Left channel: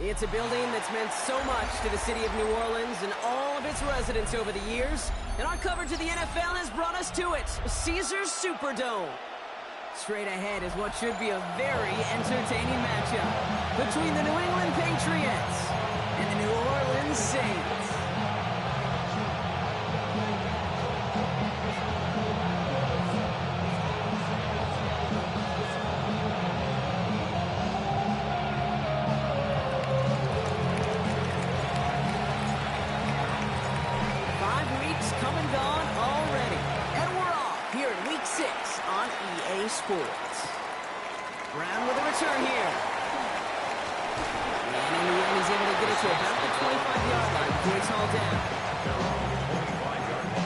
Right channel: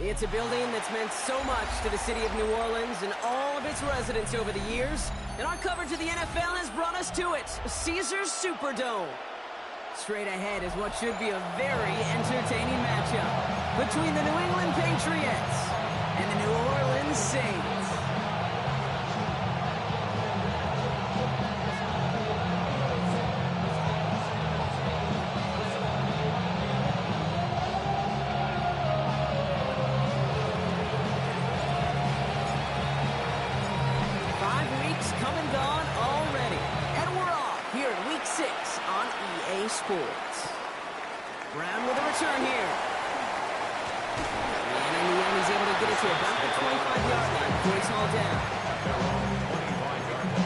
It's a building that's meant so much to the city of New Orleans and all of its residents over the years. And our coverage of the NFL has brought us to it, Caesars Superdome. Straight ahead is what should be a very entertaining matchup between the New England Patriots and the New Orleans Saints. 5 weeks come and gone already. And we're off here in Week 6 on EA Sports. Brown with a return here. And in the end, he's able to get it to about the 25-yard line before he's hauled down. Their own 25-yard line.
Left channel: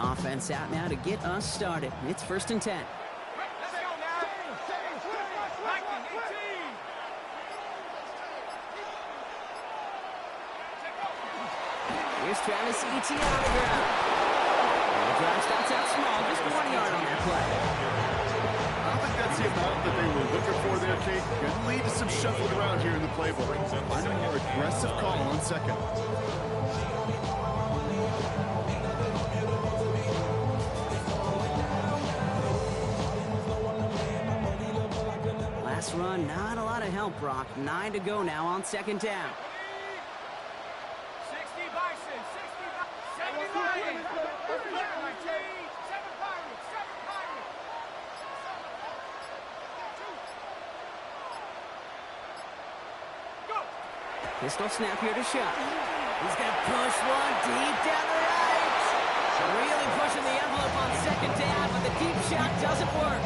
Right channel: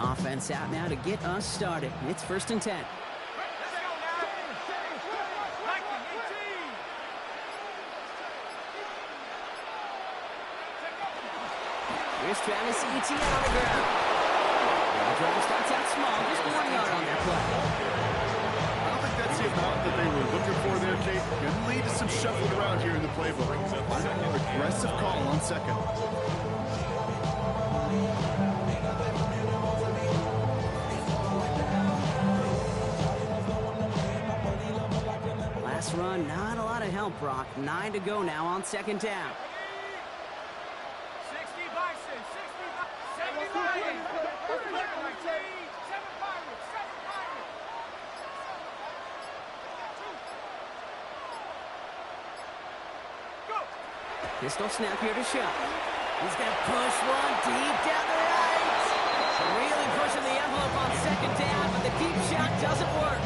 Offense out now to get us started. It's 1st and 10. Let's go now. Here's Travis Etienne on the ground. And the drive starts out small, just 1 yard on that play. I don't think that's the amount that they were looking for there, Kate. Going to lead to some shuffling around here in the playbook. Find a more aggressive call on second. Last run, not a lot of help, Brock. 9 to go now on 2nd down. 60 Bison, 70 Lions, 7 Pirates, 7 Pirates. Go! Pistol snap here to Shuck. He's going to push one deep down the right. Really pushing the envelope on 2nd down, but the deep shot doesn't work.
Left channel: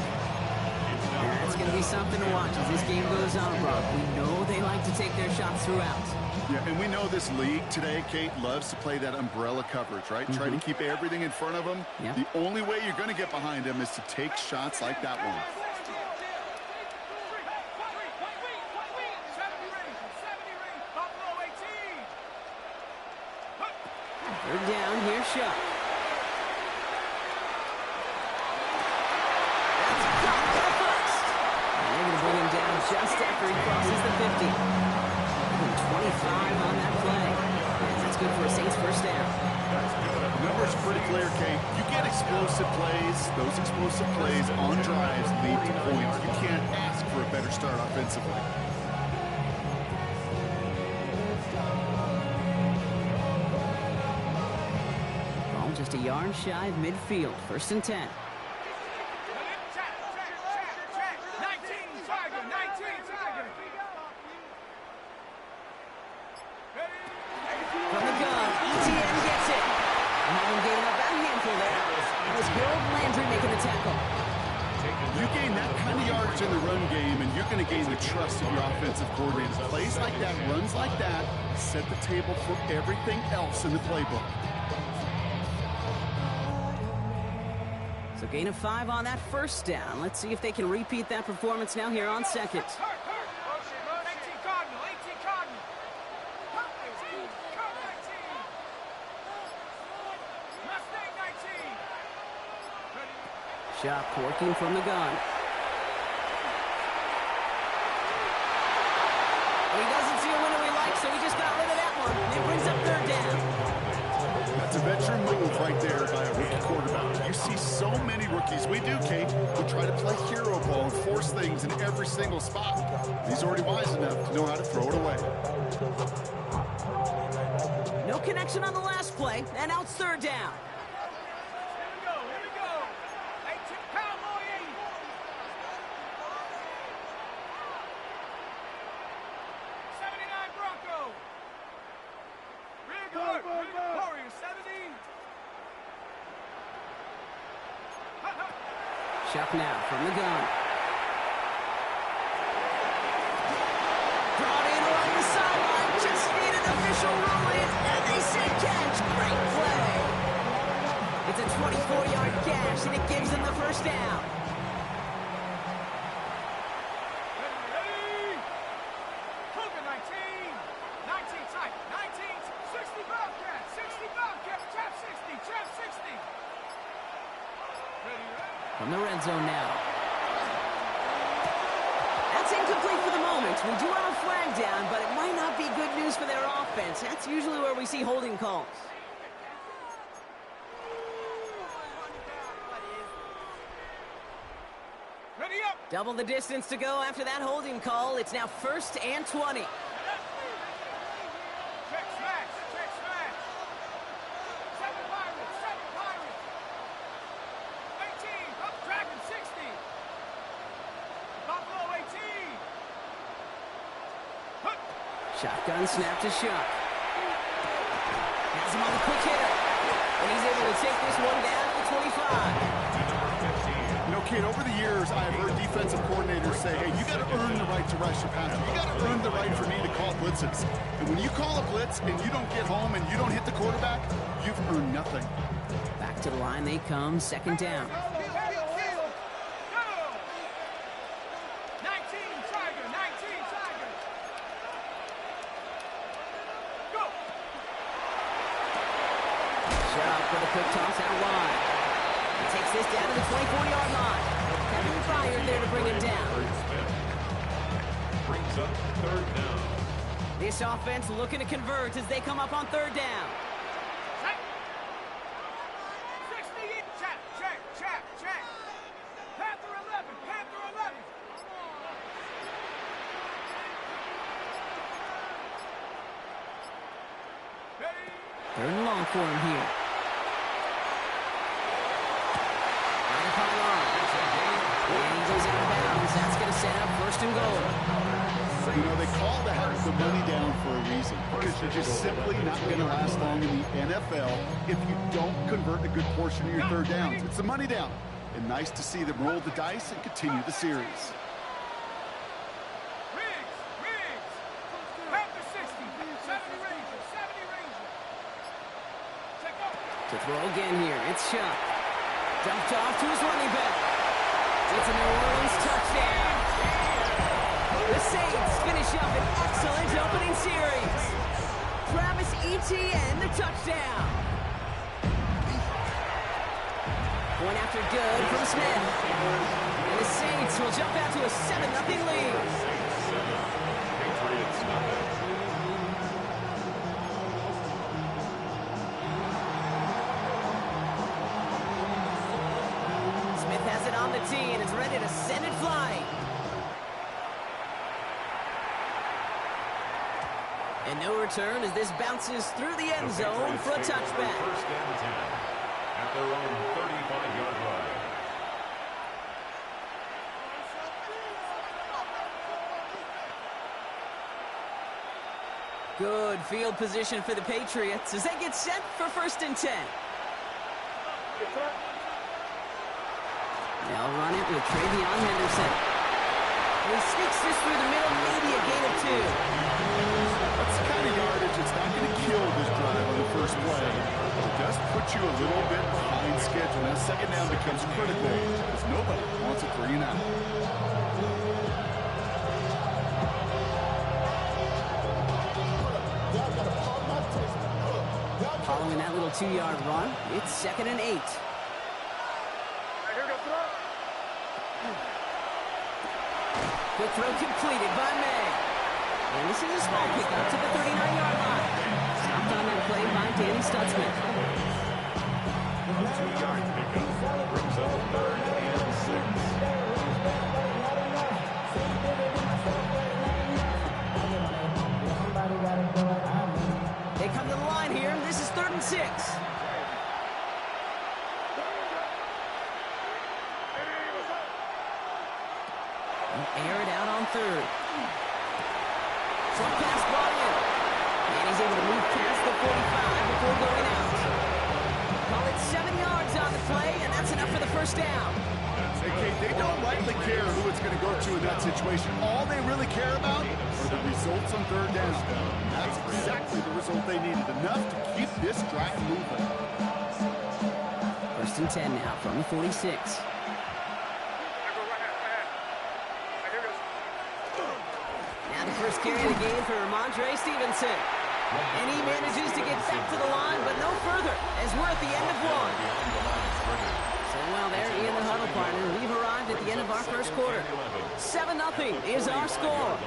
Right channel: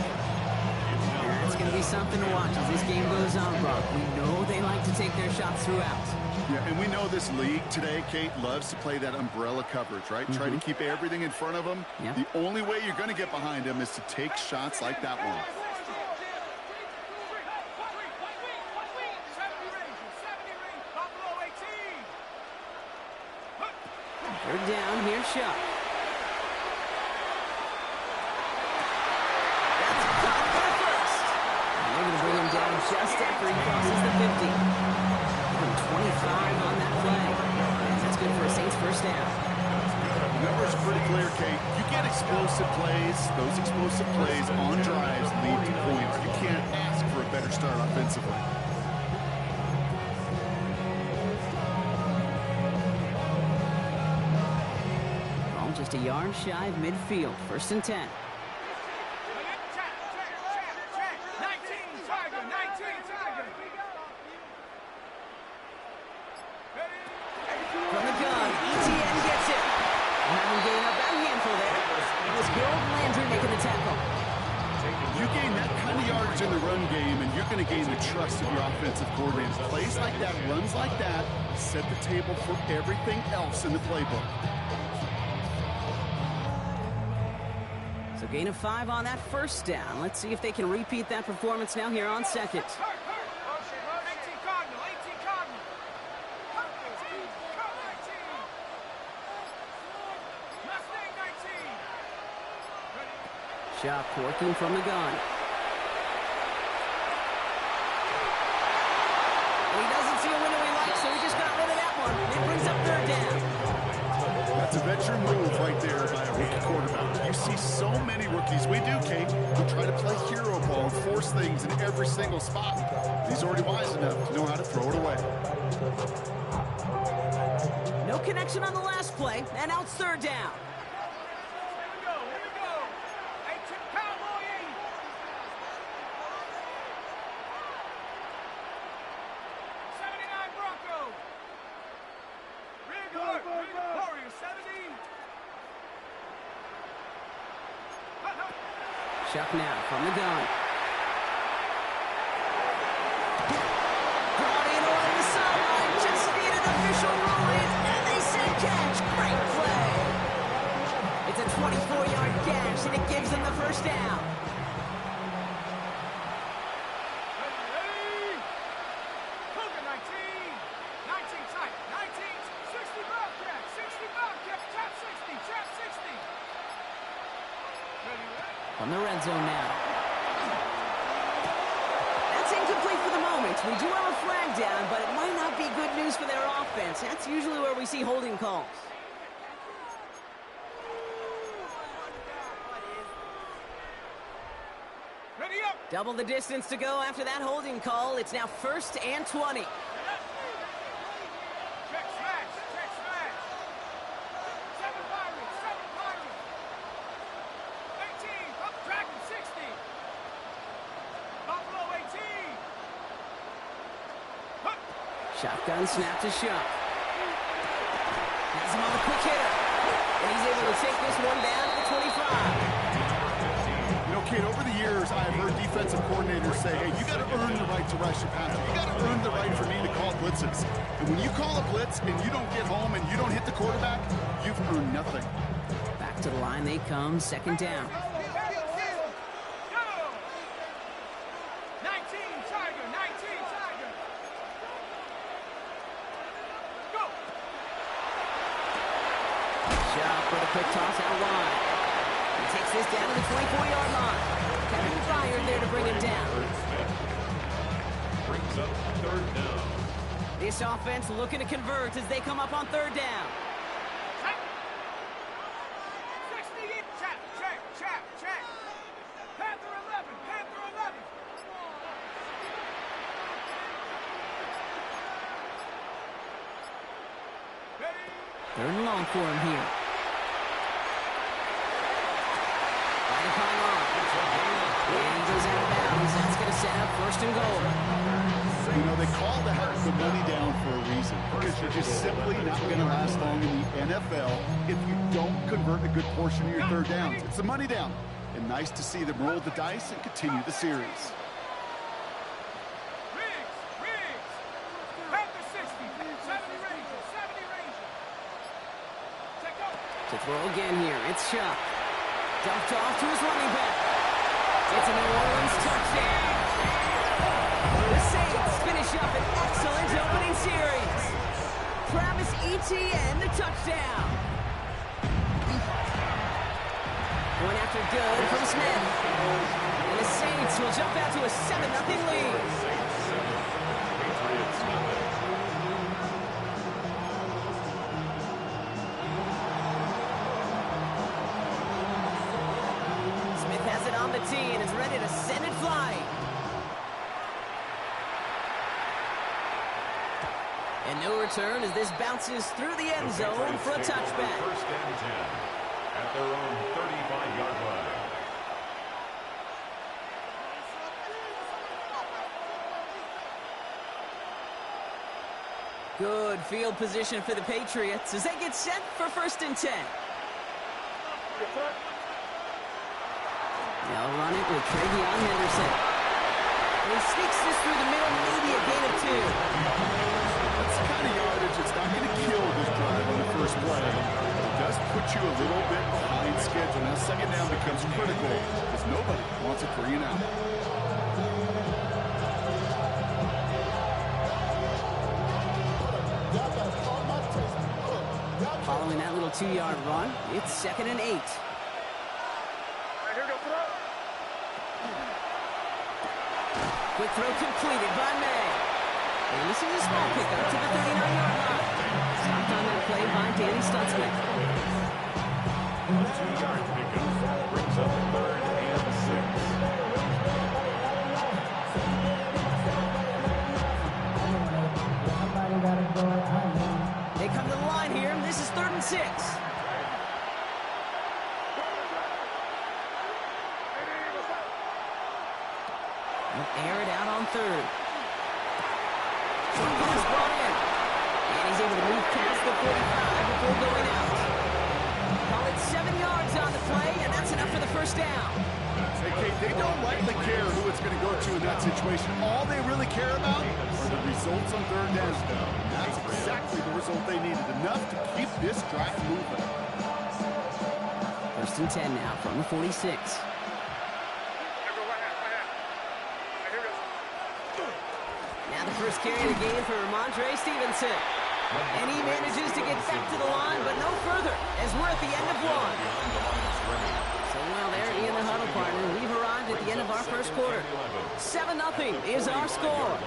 That's going to be something to watch as this game goes on, Brock. We know they like to take their shots throughout. Yeah, and we know this league today, Kate, loves to play that umbrella coverage, right? Try to keep everything in front of them. Yep. The only way you're going to get behind them is to take shots like that one. 3rd down, here's Shuck. That's caught for the first. And they're going to bring him down just after he crosses the 50. Give him 25 on that play. And that's good for a Saints 1st down. The numbers are pretty clear, Kate. You get explosive plays. Those explosive plays on drives lead to points. You can't ask for a better start offensively. Just a yard shy of midfield. 1st and 10. From the gun, Etienne gets it. Having gained up that handful there. It was Harold Landry making the tackle. You gain that kind of yardage in the run game, and you're going to gain the trust of your offensive coordinators. Plays like that, runs like that, set the table for everything else in the playbook. So gain of 5 on that 1st down. Let's see if they can repeat that performance now here on 2nd. 18 Cardinal, 18 Cardinal. 19. Mustang 19. Shuck working from the gun. Well, he doesn't see a window he likes, so he just got rid of that one. And it brings up 3rd down. That's a veteran move right there by a rookie quarterback. You see so many rookies. We do, Kate. We try to play hero ball and force things in every single spot. He's already wise enough to know how to throw it away. No connection on the last play, and now it's 3rd down. Here we go. 18 Cowboy 80. 79 Bronco. Rear guard, Warrior 70. Shuck now from the gun. Brought in along the sideline. Just need an official ruling, and they say catch. Great play. It's a 24-yard catch, and it gives them the 1st down. from the red zone now. That's incomplete for the moment. We do have a flag down, but it might not be good news for their offense. That's usually where we see holding calls. Ready up. Double the distance to go after that holding call. It's now 1st and 20. Check smash. Check smash. 7 Pirates. 7 Pirates. 18. Up Dragon 60. Buffalo 18. Hup. Shotgun snap to Shuck. Has him on the quick hitter. And he's able to take this one down to the 25. You know, Kate, over the years, I've heard defensive coordinators say, hey, you got to earn the right to rush your passer. You got to earn the right for me to call blitzes. And when you call a blitz and you don't get home and you don't hit the quarterback, you've earned nothing. Back to the line they come, 2nd down. Go. 19 Tiger. 19 Tiger. Go. Shuck with a quick toss out wide. He takes this down to the 24-yard line. Kevin fired there to bring him down. Brings up 3rd down. This offense looking to convert as they come up on 3rd down. 60. Check. Panther 11. Panther 11. Ready. 3rd and long for him here. Right upon line. And he goes out of bounds. That's going to set up 1st and goal. You know, they call that the money down for a reason, because you're just simply not going to last long in the NFL if you don't convert a good portion of your 3rd downs. It's the money down. And nice to see them roll the dice and continue the series. Riggs. Panther 60. 70 Ranger. 70 Ranger. Check out. To throw again here, it's Shuck. Dumped off to his running back. It's a New Orleans touchdown. The Saints finish up an excellent opening series. Travis Etienne, the touchdown. Point after good from Smith. And the Saints will jump out to a 7-0 lead. Saints 7, Patriots nothing. Smith has it on the tee and is ready to send it flying. And no return as this bounces through the end zone for a touchback. 1st and 10 at their own 35-yard line. Good field position for the Patriots as they get set for 1st and 10. They'll run it with Travion Henderson. And he sneaks this through the middle, maybe a gain of 2. That's the kind of yardage that's not going to kill this drive on the first play. But it does put you a little bit behind schedule. Now 2nd down becomes critical because nobody wants a 3 and out. Following that little 2-yard run, it's 2nd and 8. Quick throw completed by May. And this is a small pickup to the 39-yard line. Stopped on that play by Danny Stutzman. A 2-yard pickup brings up 3rd and 6. They come to the line here. This is 3rd and 6. They'll air it out on 3rd. Short pass brought in. And he's able to move past the 45 before going out. Call it 7 yards on the play, and that's enough for the 1st down. Hey, Kate, they don't likely care who it's going to go to in that situation. All they really care about are the results on 3rd down. And that's exactly the result they needed. Enough to keep this drive moving. 1st and 10 now from the 46. Now the first carry of the game for Ramondre Stevenson. And he manages to get back to the line, but no further, as we're at the end of 1. So, well, there in the huddle, partner. We've arrived at the end of our first quarter. 7-0 is our score.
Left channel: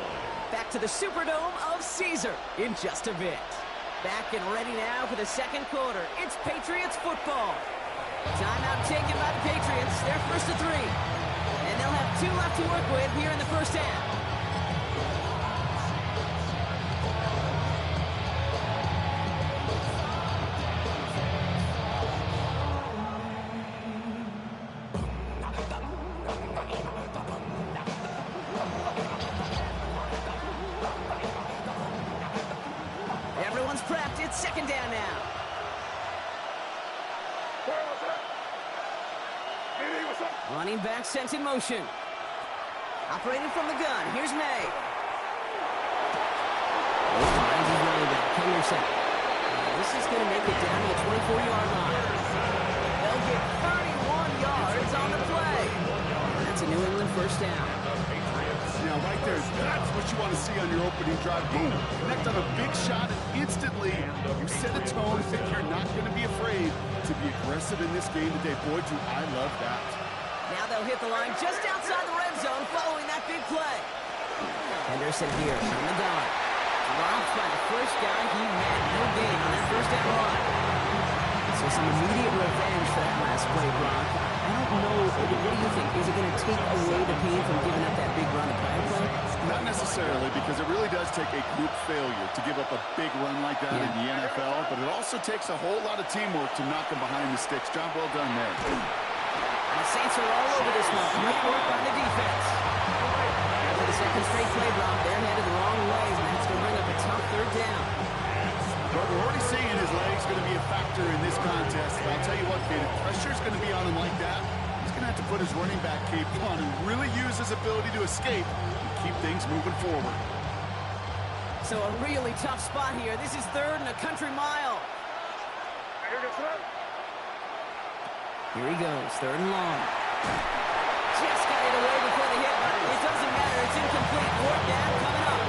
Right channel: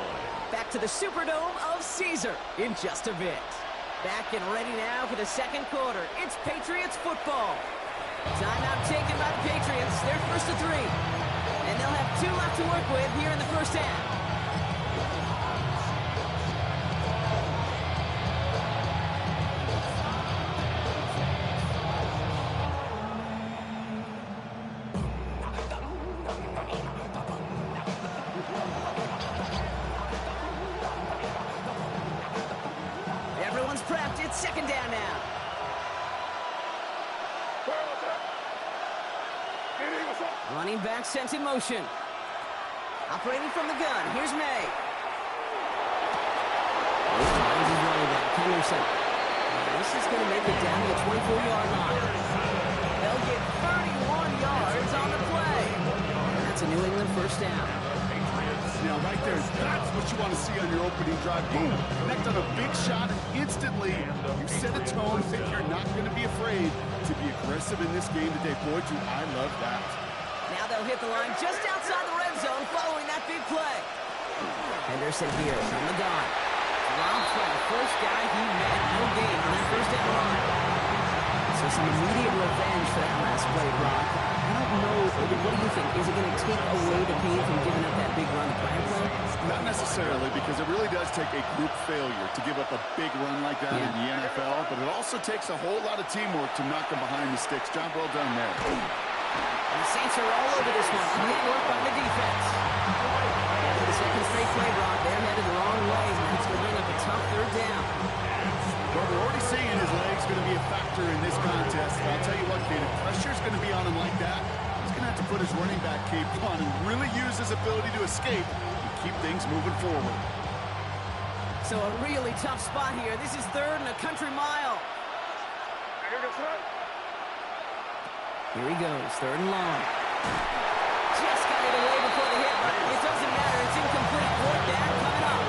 Back to the Superdome of Caesar in just a bit. Back and ready now for the second quarter. It's Patriots football. Timeout taken by the Patriots. They're first to 3. And they'll have 2 left to work with here in the first half. Everyone's prepped. It's second down now. Running back sent in motion. Operating from the gun. Here's May. Finds his running back, Henderson. This is going to make it down to the 24-yard line. They'll get 31 yards on the play. That's a New England first down. Now, right there, that's what you want to see on your opening drive. Boom, connect on a big shot, and instantly you set a tone that you're not going to be afraid to be aggressive in this game today. Boy, do I love that. Now they'll hit the line just outside the red zone following that big play. Henderson here from the gun. Dropped by the first guy he met. No gain on that first down run. So some immediate revenge for that last play, Brock. I don't know. What do you think? Is it going to take away the pain from giving up that big run, the prior play? Not necessarily, because it really does take a group failure to give up a big run like that in the NFL, but it also takes a whole lot of teamwork to knock them behind the sticks. Job well done there. And the Saints are all over this one. Great work by the defense. For the second straight play, Brock, they're headed the wrong way, and that's going to bring up a tough third down. Well, we're already seeing his legs going to be a factor in this contest. And I'll tell you what, Kate, if pressure's going to be on him like that, he's going to have to put his running back cape on and really use his ability to escape and keep things moving forward. So a really tough spot here. This is third and a country mile. Here he goes, third and long. Just got it away before the hit, but it doesn't matter. It's incomplete. Fourth down coming up.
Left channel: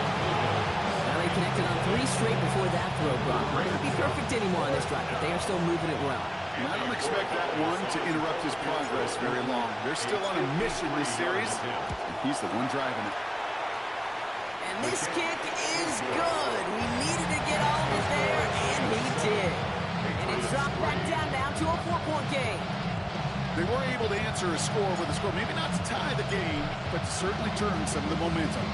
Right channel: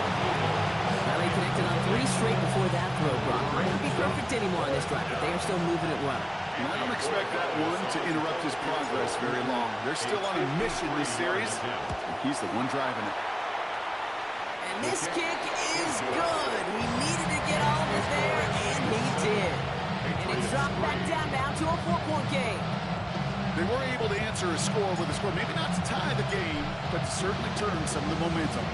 Well, they connected on 3 straight before that throw, Brock. Might not be perfect anymore on this drive, but they are still moving it well. And I don't expect that one to interrupt his progress very long. They're still on a mission this series, and he's the one driving it. And this kick is good. We needed to get all of it there, and he did. And it's dropped back down now to a 4-point game. They were able to answer a score with a score. Maybe not to tie the game, but to certainly turn some of the momentum.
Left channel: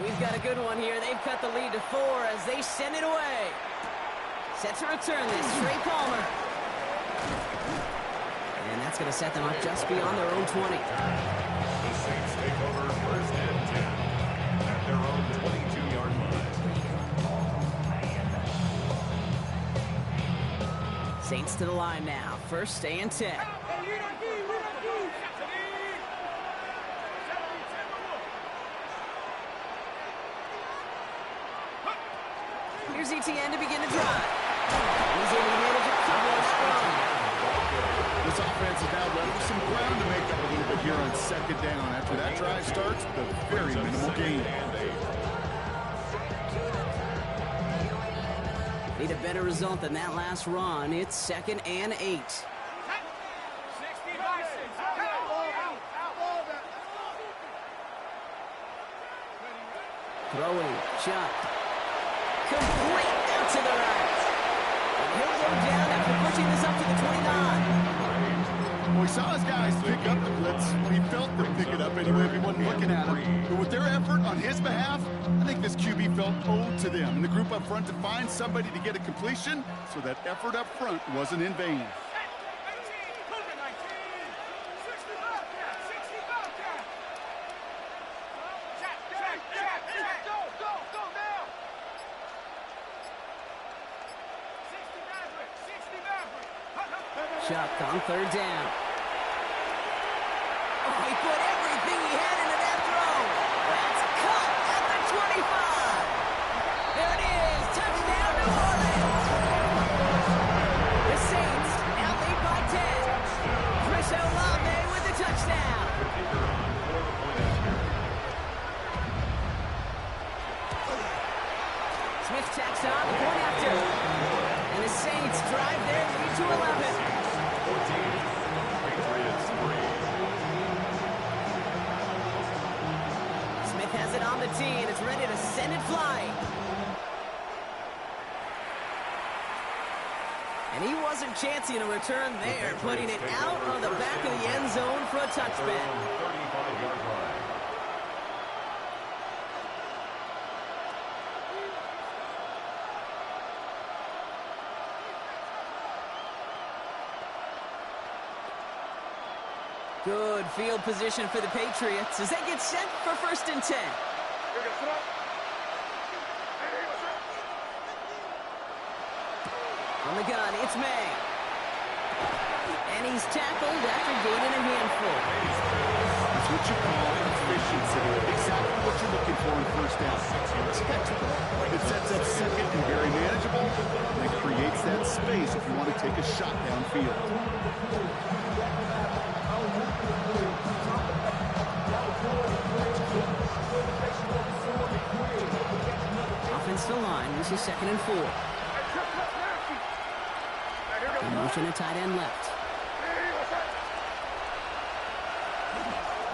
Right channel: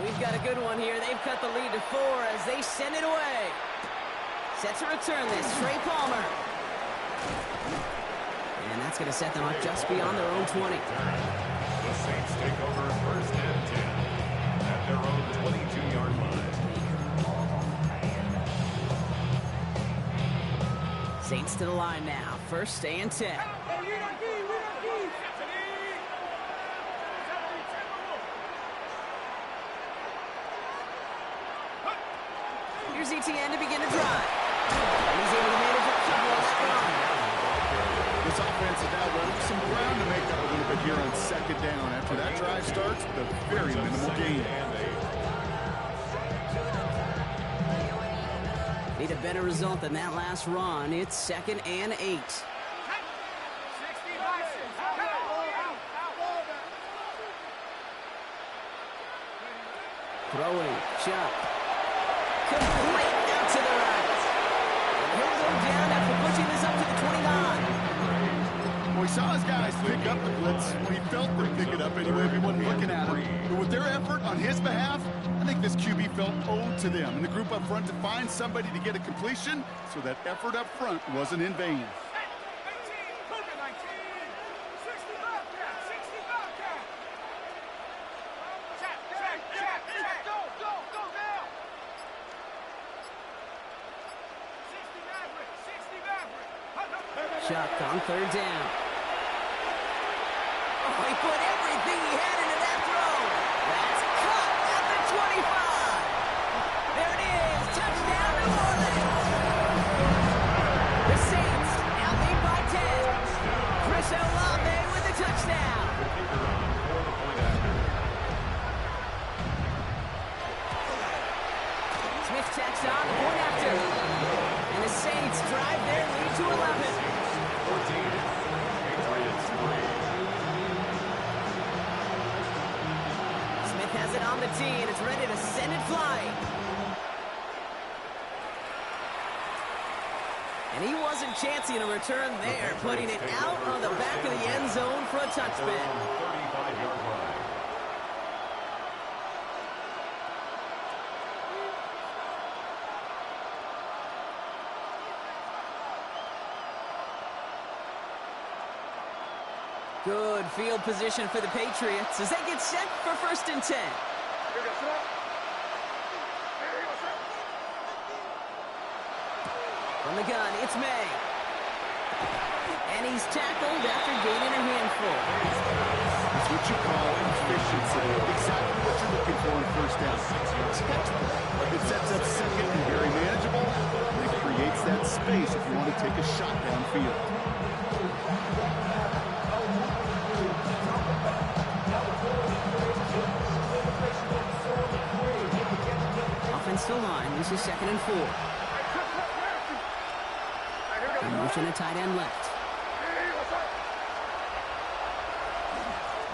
We've got a good one here. They've cut the lead to 4 as they send it away. Set to return this, Trey Palmer. And that's going to set them up just beyond their own 20. The Saints take over first and 10 at their own 22-yard line. Saints to the line now. First and 10. Here's ETN to begin the drive. He's able to manage a couple of strong. This offense has now left some ground to make up a little bit here on second down. After that drive starts, the very minimal gain. Need a better result than that last run. It's second and 8. Throwing, Chuck. Complete out to the right. And he'll go down after pushing this up to the 29. Well, he saw his guys pick up the blitz. Well, he felt them pick it up anyway if he wasn't looking at him. But with their effort on his behalf, I think this QB felt owed to them. And the group up front to find somebody to get a completion, so that effort up front wasn't in vain. Chuck on third down. Oh, he put everything he had into that throw. That's cut at the 25. There it is. Touchdown, New Orleans. The Saints now lead by 10. Chris Olave with the touchdown. Smith tacks on the point after. And the Saints drive their lead to 11. 14. Patriots Smith has it on the tee, and it's ready to send it flying. And he wasn't chancing a return there, putting it out on the back of the end zone for a touchback. 35-yard line. Good field position for the Patriots as they get set for 1st and 10. From the gun, it's May. And he's tackled after gaining a handful. That's what you call efficiency. Exactly what you're looking for in 1st down. It sets up 2nd and very manageable, and it creates that space if you want to take a shot downfield. Offensive line, this is 2nd and 4. The motion a tight end left.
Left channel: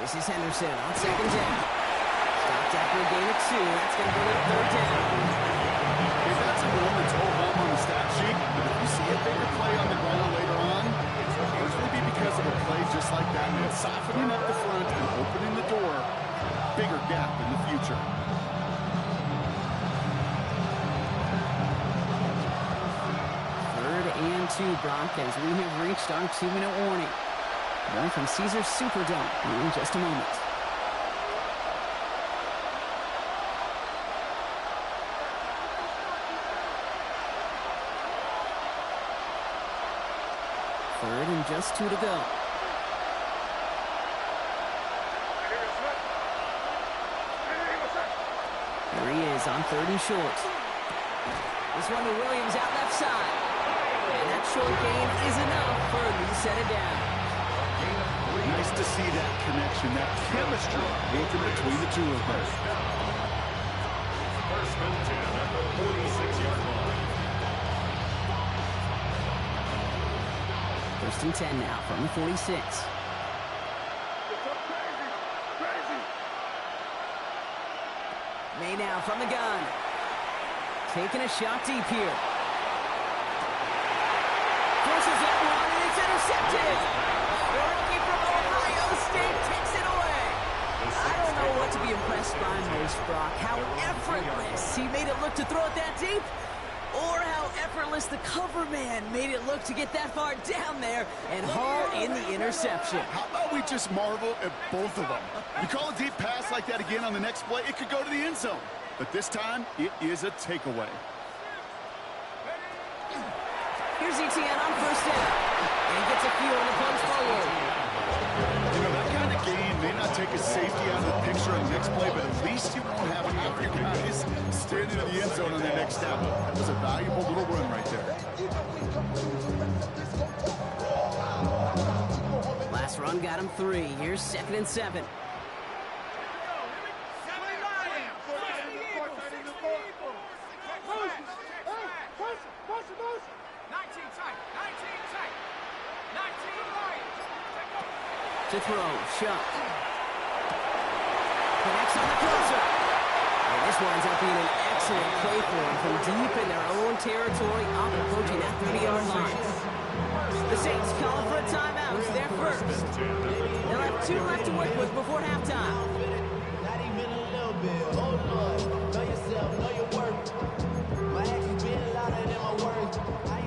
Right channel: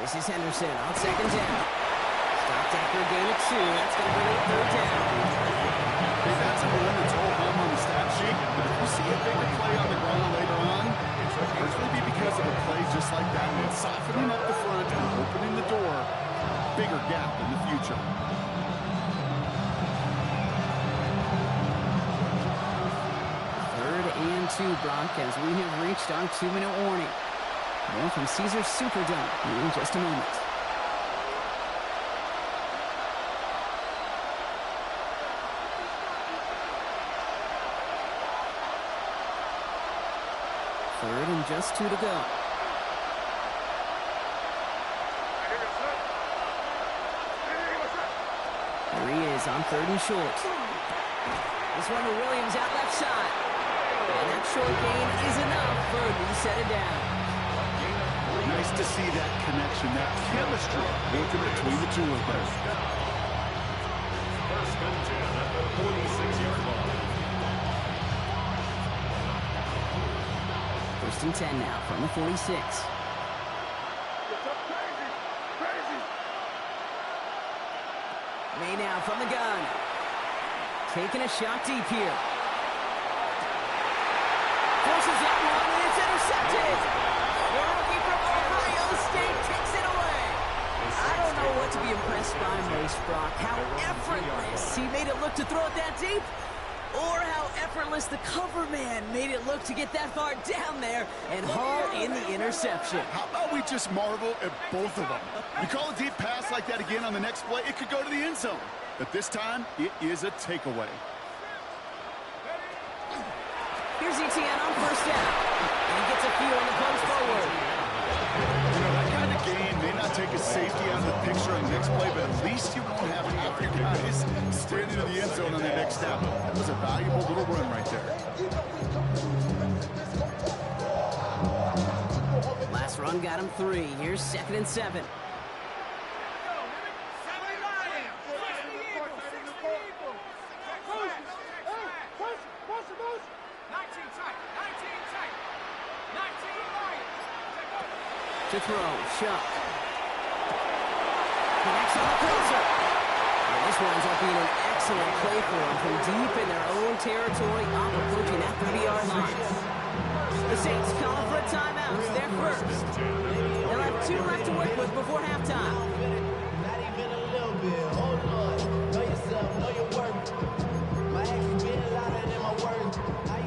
This is Henderson on 2nd down. Stopped after a gain of 2. That's going to bring up 3rd down. Hey, that's a run that's all hum on the stat sheet, but if you see a bigger play on the ground later on, it's largely be because of a play just like that, and softening up the front and opening the door. Bigger gap in the future. 3rd and 2, Brock, as we have reached our 2-minute warning. More from Caesars Superdome in just a moment. Third and just 2 to go. Here he is on 3rd and short. This one to Williams out left side. And that short gain is enough for a new set of downs. Nice to see that connection, that chemistry working between the two of them. 1st and 10 at the 46-yard line. 1st and 10 now from the 46. May now from the gun. Taking a shot deep here. Forces that one, and it's intercepted. The rookie from Ohio State takes it away. I don't know what to be impressed by most, Brock. How effortless he made it look to throw it that deep, or how effortless the cover man made it look to get that far down there and haul in the interception. How about we just marvel at both of them? You call a deep pass like that again on the next play, it could go to the end zone. But this time, it is a takeaway. Here's ETN on 1st down. And he gets a few on the punch forward. You know, that kind of gain may not take a safety out of the picture on the next play, but at least you won't have half your guys standing in the end zone on their next step. That was a valuable little run right there. Last run got him 3. Here's 2nd and 7. To throw, Shuck. Connects on the closer. And this winds up being an excellent play for them from deep in their own territory, up approaching that 30-yard line. The Saints calling for a timeout. They're first. They'll have 2 left to work with before halftime. Not even a little bit. Oh, Lord. Know yourself, know your worth. My actions being louder than my words.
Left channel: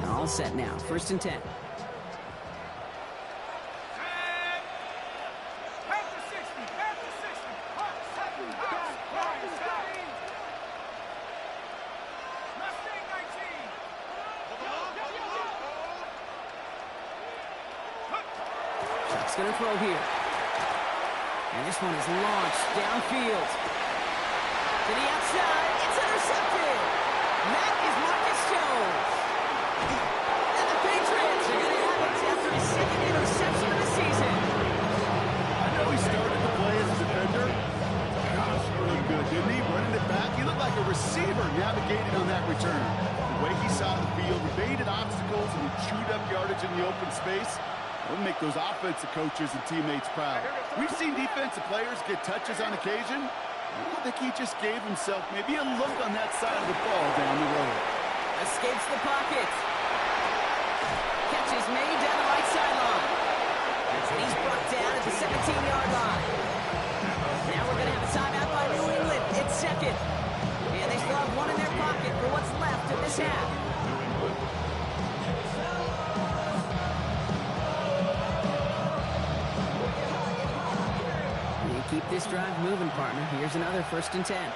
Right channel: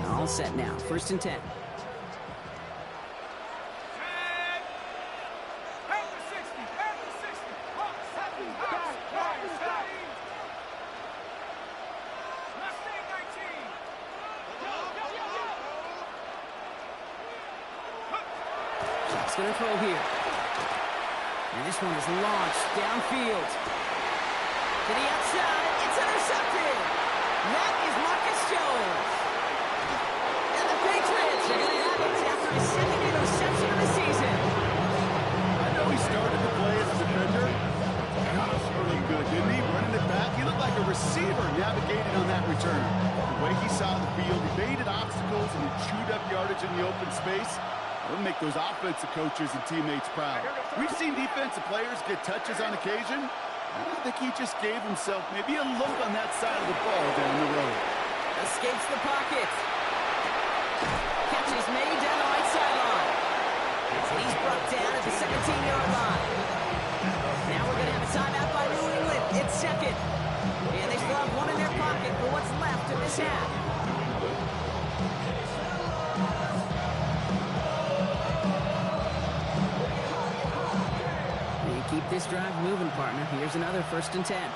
All set now. 1st and 10. Shuck's going to throw here. And this one is launched downfield. To the outside. It's intercepted. And that is Marcus Jones. And the Patriots are going to have it after his 2nd interception of the season. I know he started the play as a defender. Gosh, he looked good, didn't he? Running it back. He looked like a receiver navigating on that return. The way he saw the field, he baited obstacles and he chewed up yardage in the open space. That would make those offensive coaches and teammates proud. We've seen defensive players get touches on occasion, I think he just gave himself maybe a look on that side of the ball down the road. Escapes the pocket. Catch is made down the right sideline. And he's brought down at the 17-yard line. Now we're going to have a timeout by New England. It's second. And they still have one in their pocket for what's left of this half. You keep this drive moving, partner. Here's another 1st and 10.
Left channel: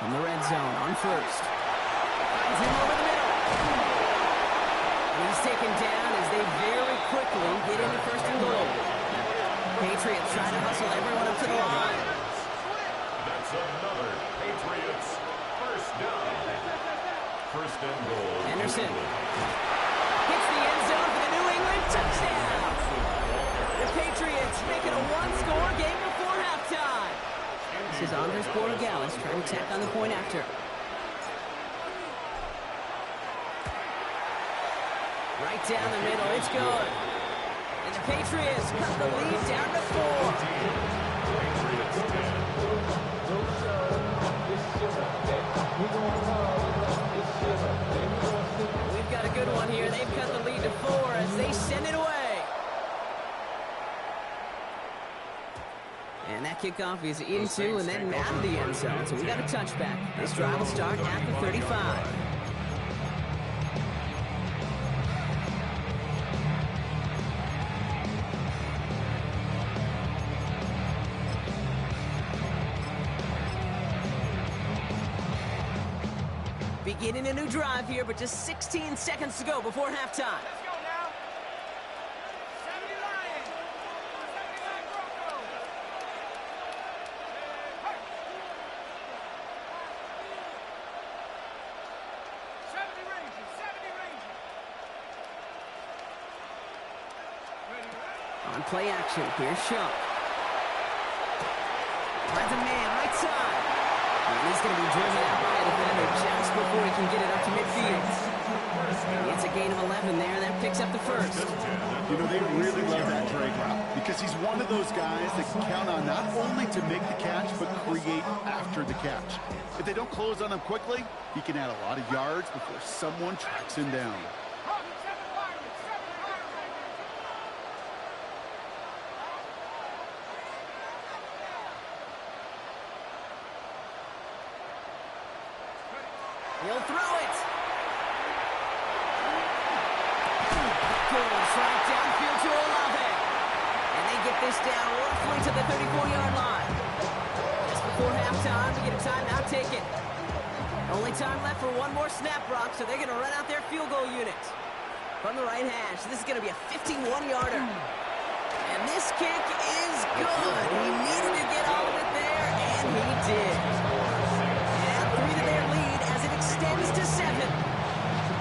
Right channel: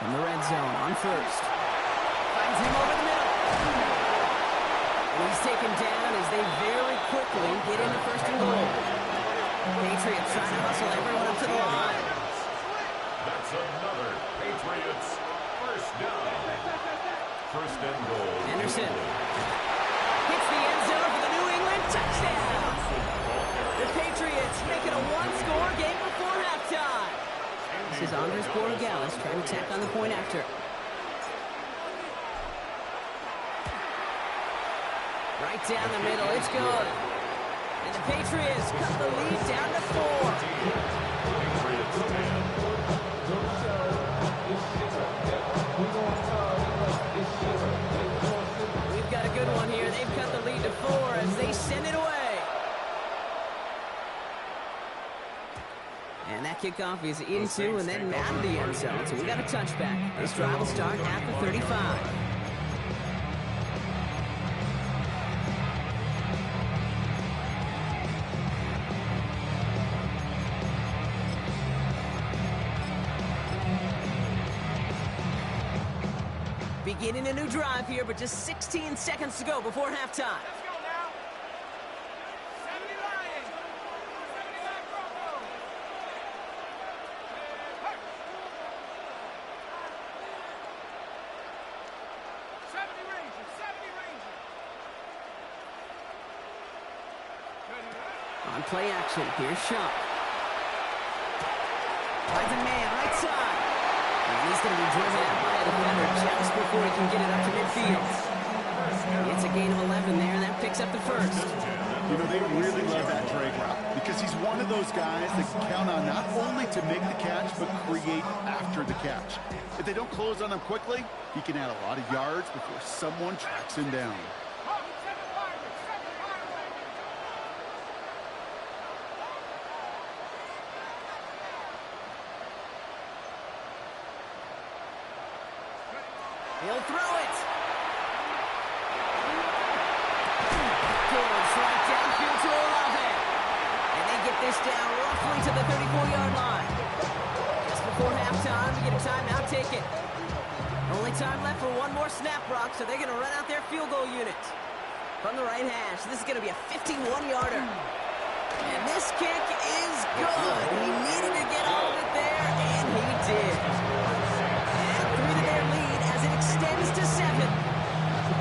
From the red zone on 1st. Finds him over the middle. And he's taken down as they very quickly get into 1st and goal. Patriots trying to hustle everyone up to the line. That's another Patriots 1st down. 1st and goal. Anderson hits the end zone for the New England touchdown. The Patriots make it a one-score game before halftime. This is Andres Borregales trying to tack on the point after. Right down the middle, it's good. And the Patriots cut the lead down to 4. Patriots 10. We've got a good one here. They've cut the lead to 4 as they send it away. And that kickoff is into and then out of the end zone. So we got a touchback. This drive will start at the 35. Beginning a new drive here, but just 16 seconds to go before halftime. Let's go now. 70 Lions. 79 Broncos. Hey. 70 Rangers. 70 Rangers. Ready, right? On play action, here's Shump. Finds a man, right side. And he's going to be driven out by a defender just before he can get it up to midfield. It's a gain of 11 there, and that picks up the 1st. You know, they really love that drag route because he's one of those guys that can count on not only to make the catch, but create after the catch. If they don't close on him quickly, he can add a lot of yards before someone tracks him down. He'll throw it. Goes right downfield to Olave. And they get this down roughly to the 34-yard line. Just before halftime, we get a timeout ticket. Only time left for one more snap, Brock, so they're going to run out their field goal unit. From the right hash, this is going to be a 51-yarder. And this kick is good. He needed to get all of it there, and he did. And 3 to their lead as it extends to 7.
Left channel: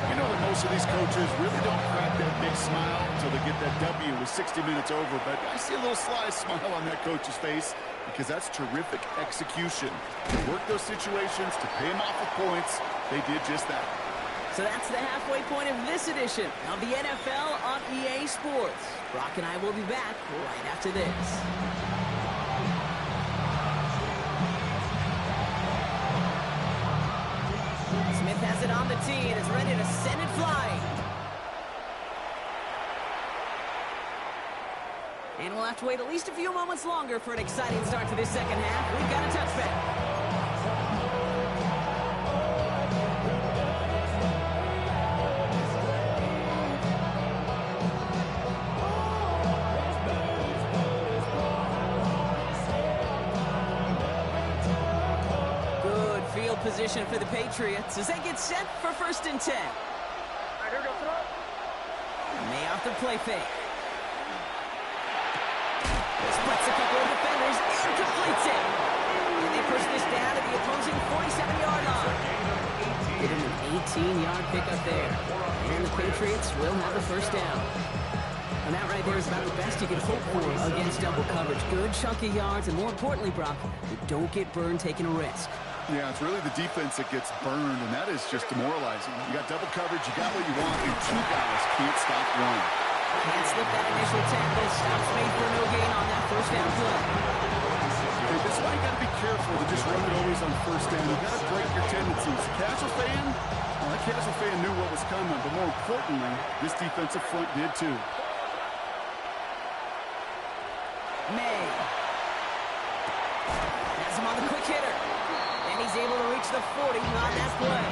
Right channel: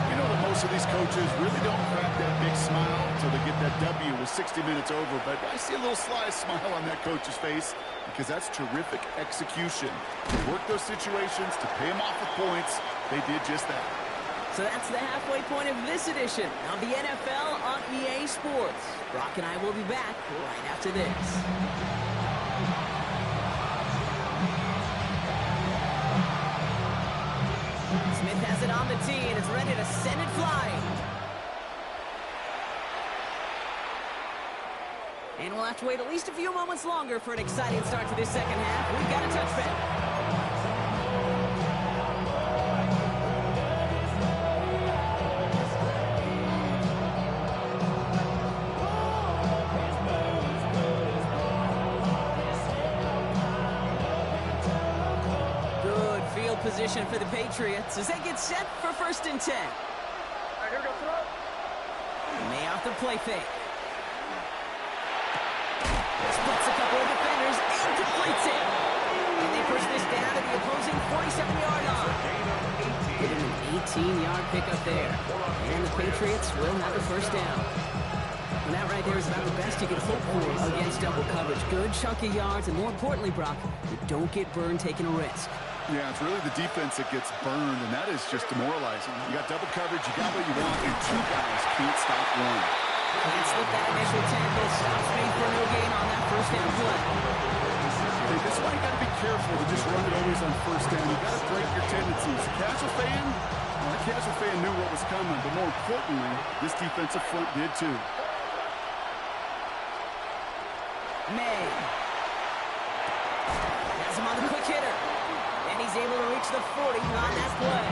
You know that most of these coaches really don't crack that big smile until they get that W with 60 minutes over, but I see a little sly smile on that coach's face because that's terrific execution. To work those situations, to pay them off with points, they did just that. So that's the halfway point of this edition of the NFL on EA Sports. Brock and I will be back right after this. Smith has it on the tee and is ready to send it flying. And we'll have to wait at least a few moments longer for an exciting start to this second half. We've got a touchback. Field position for the Patriots as they get set for 1st and 10. May off the play fake. Splits a couple of defenders and completes it. And they push this down to the opposing 47-yard line. Get him an 18-yard pickup there. And the Patriots will have a 1st down. And that right there is about the best you can hope for against double coverage. Good chunk of yards, and more importantly, Brock, you don't get burned taking a risk. Yeah, it's really the defense that gets burned, and that is just demoralizing. You got double coverage, you got what you want, and 2 guys can't stop one. Can't slip that initial tackle. Stops made for no gain on that first down play. Hey, this is why you got to be careful to just run it always on first down. You got to break your tendencies. Casual fan, well, that casual fan knew what was coming, but more importantly, this defensive front did too. May has him on the quick hitter, and he's able to reach the 40 on that play.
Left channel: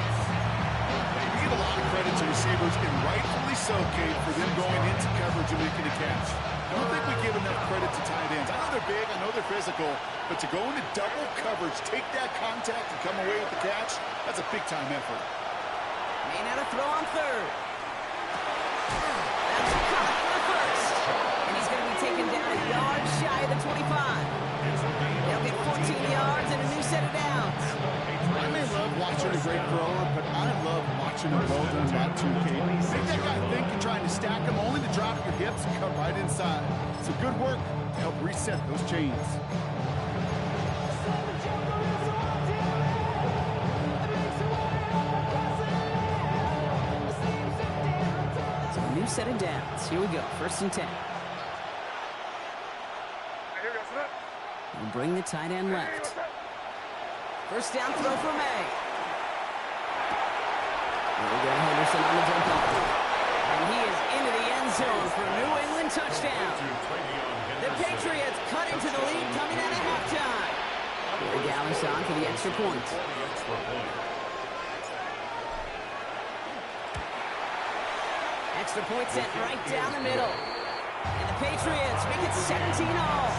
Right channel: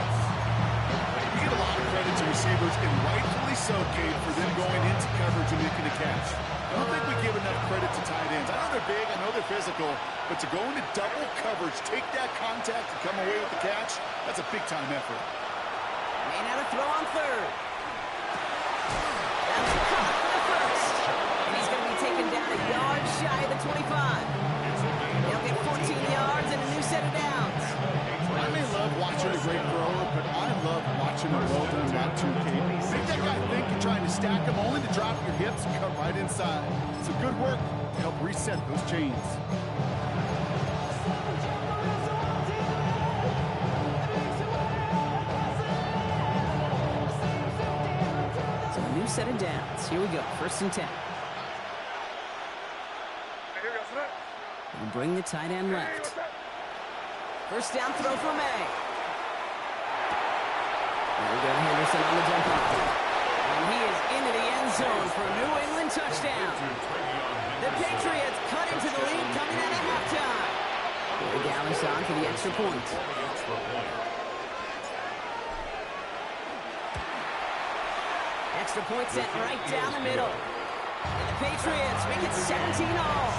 You give a lot of credit to receivers, and rightfully so, Kate, for them going into coverage and making a catch. I don't think we give enough credit to tight ends. I know they're big, I know they're physical, but to go into double coverage, take that contact, and come away with the catch, that's a big-time effort. May now to throw on third. That's caught for the first. And he's going to be taken down a yard shy of the 25. They'll get 14 yards and a new set of downs. I may love watching a great thrower, but I love watching a well-done route too, Kate. Make that guy think you're trying to stack him only to drop your hips and cut right inside. It's a good work to help reset those chains. So a new set of downs. Here we go, 1st and 10. We'll bring the tight end left. First down throw for May. There we go, Henderson on the jump off. And he is into the end zone for a New England touchdown. The Patriots cut into the lead coming out of halftime. Here Gallis on for the extra point. Extra point sent right down the middle. And the Patriots make it 17-all.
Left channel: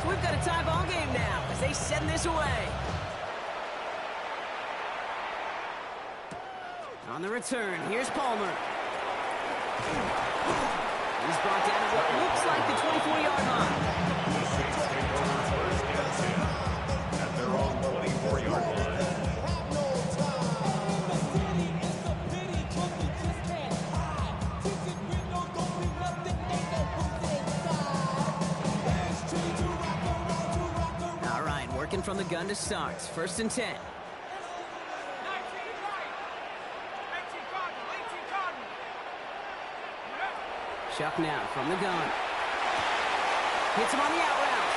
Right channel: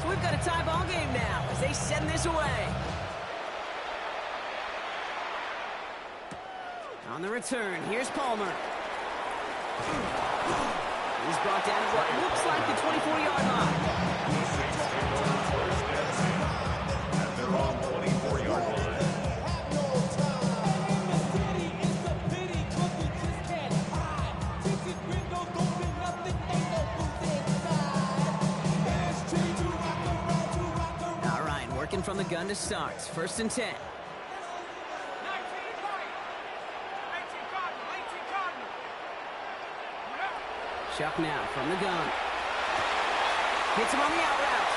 So we've got a tie ball game now as they send this away. On the return, here's Palmer. He's brought down at what looks like the 24-yard line. The Saints take over 1st and 10 at their own 24-yard line. All right, working from the gun to start. 1st and 10. 19 right. 18 Cardinal. 18 Cardinal. Chuck now from the gun. Hits him on the out route.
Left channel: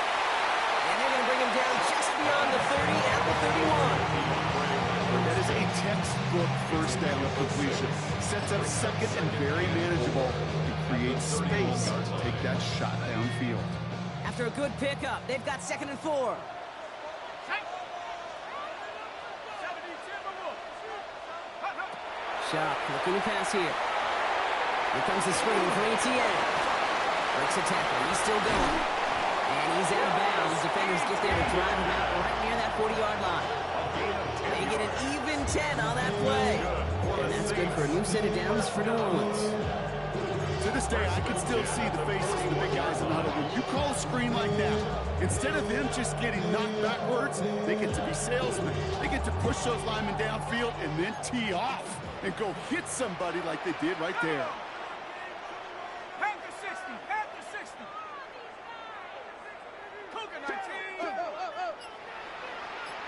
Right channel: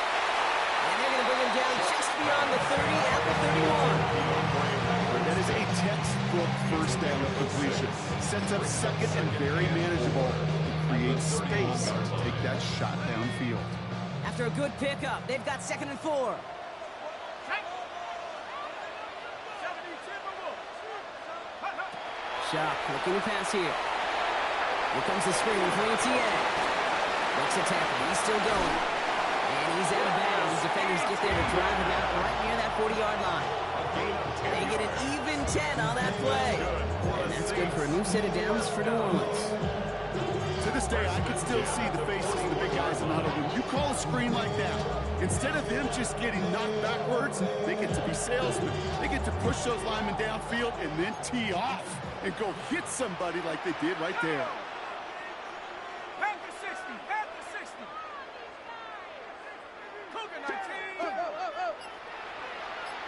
And they're going to bring him down just beyond the 30 at the 31. That is a textbook first down completion. Sets up second and very manageable. It creates space to take that shot downfield. After a good pickup, they've got 2nd and 4. Chuck looking to pass here. Here comes the screen for ETN. Breaks a tackle. He's still going. And he's out of bounds. Defenders get there to drive him out right near that 40-yard line. They get an even 10 on that play. And that's good for a new set of downs for New Orleans. To this day, I can still see the faces of the big guys in the huddle. When you call a screen like that, instead of them just getting knocked backwards, they get to be salesmen. They get to push those linemen downfield and then tee off and go hit somebody like they did right there. Panther 60. Panther 60. Cougar 19.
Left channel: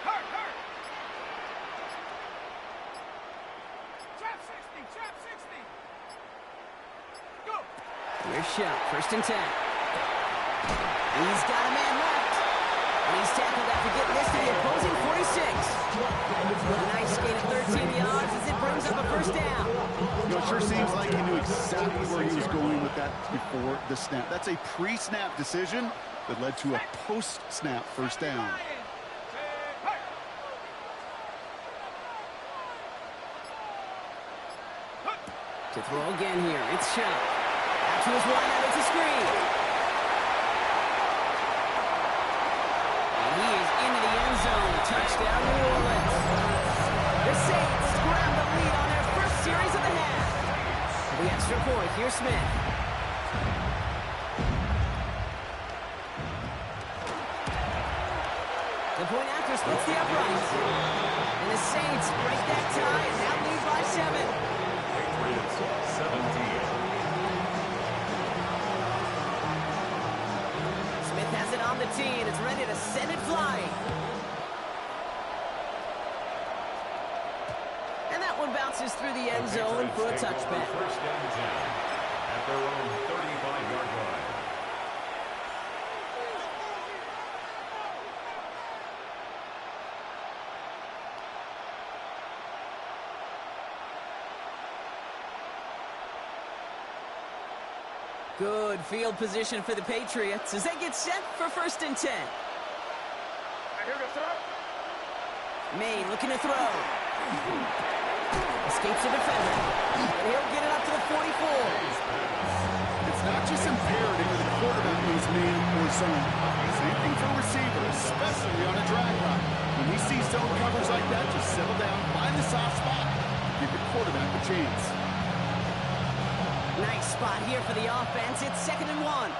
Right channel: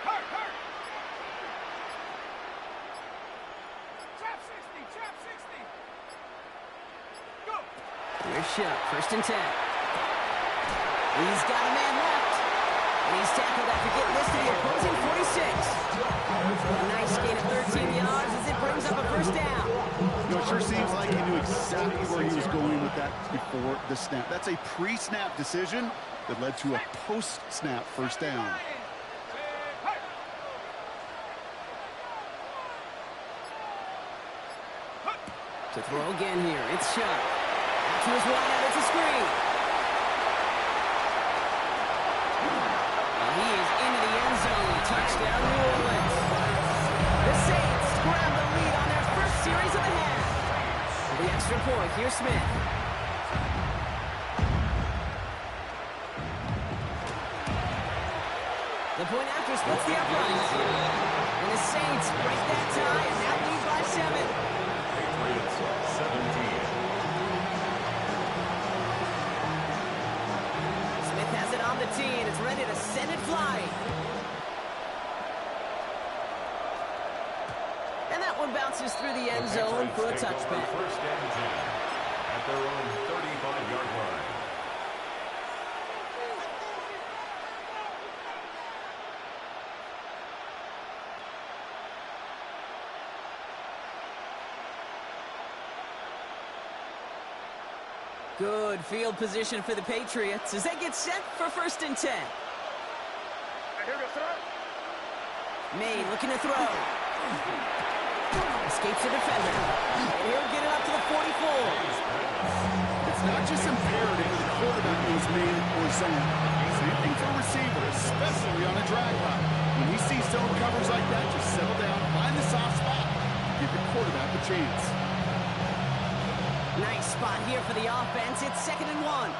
Hurt. Trap 60. Trap 60. Go. Here's Chuck, 1st and 10. He's got a man left. And he's tackled after getting this to the opposing 46. A nice gain of 13 yards as it brings up a 1st down. You know, it sure seems like he knew exactly where he was going with that before the snap. That's a pre-snap decision that led to a post-snap 1st down. To throw again here, it's Chuck. Out to his wideout, it's a screen. And he is into the end zone. Touchdown, New Orleans. The Saints grab the lead on their first series of the half. For the extra point, here's Smith. The point after splits the uprights. And the Saints break that tie and now lead by 7. Patriots 17. Smith has it on the tee, and it's ready to send it flying. And that one bounces through the end zone for a touchback. First and 10 at their own 35-yard line. Good field position for the Patriots as they get set for first and 10. May looking to throw. Escapes a defender. And he'll get it up to the 44. It's not just imperative that the quarterback knows man or zone. Same thing for a receiver, especially on a drag route. When he sees zone covers like that, just settle down, find the soft spot, give your quarterback a chance. Nice spot here for the offense. It's 2nd and 1.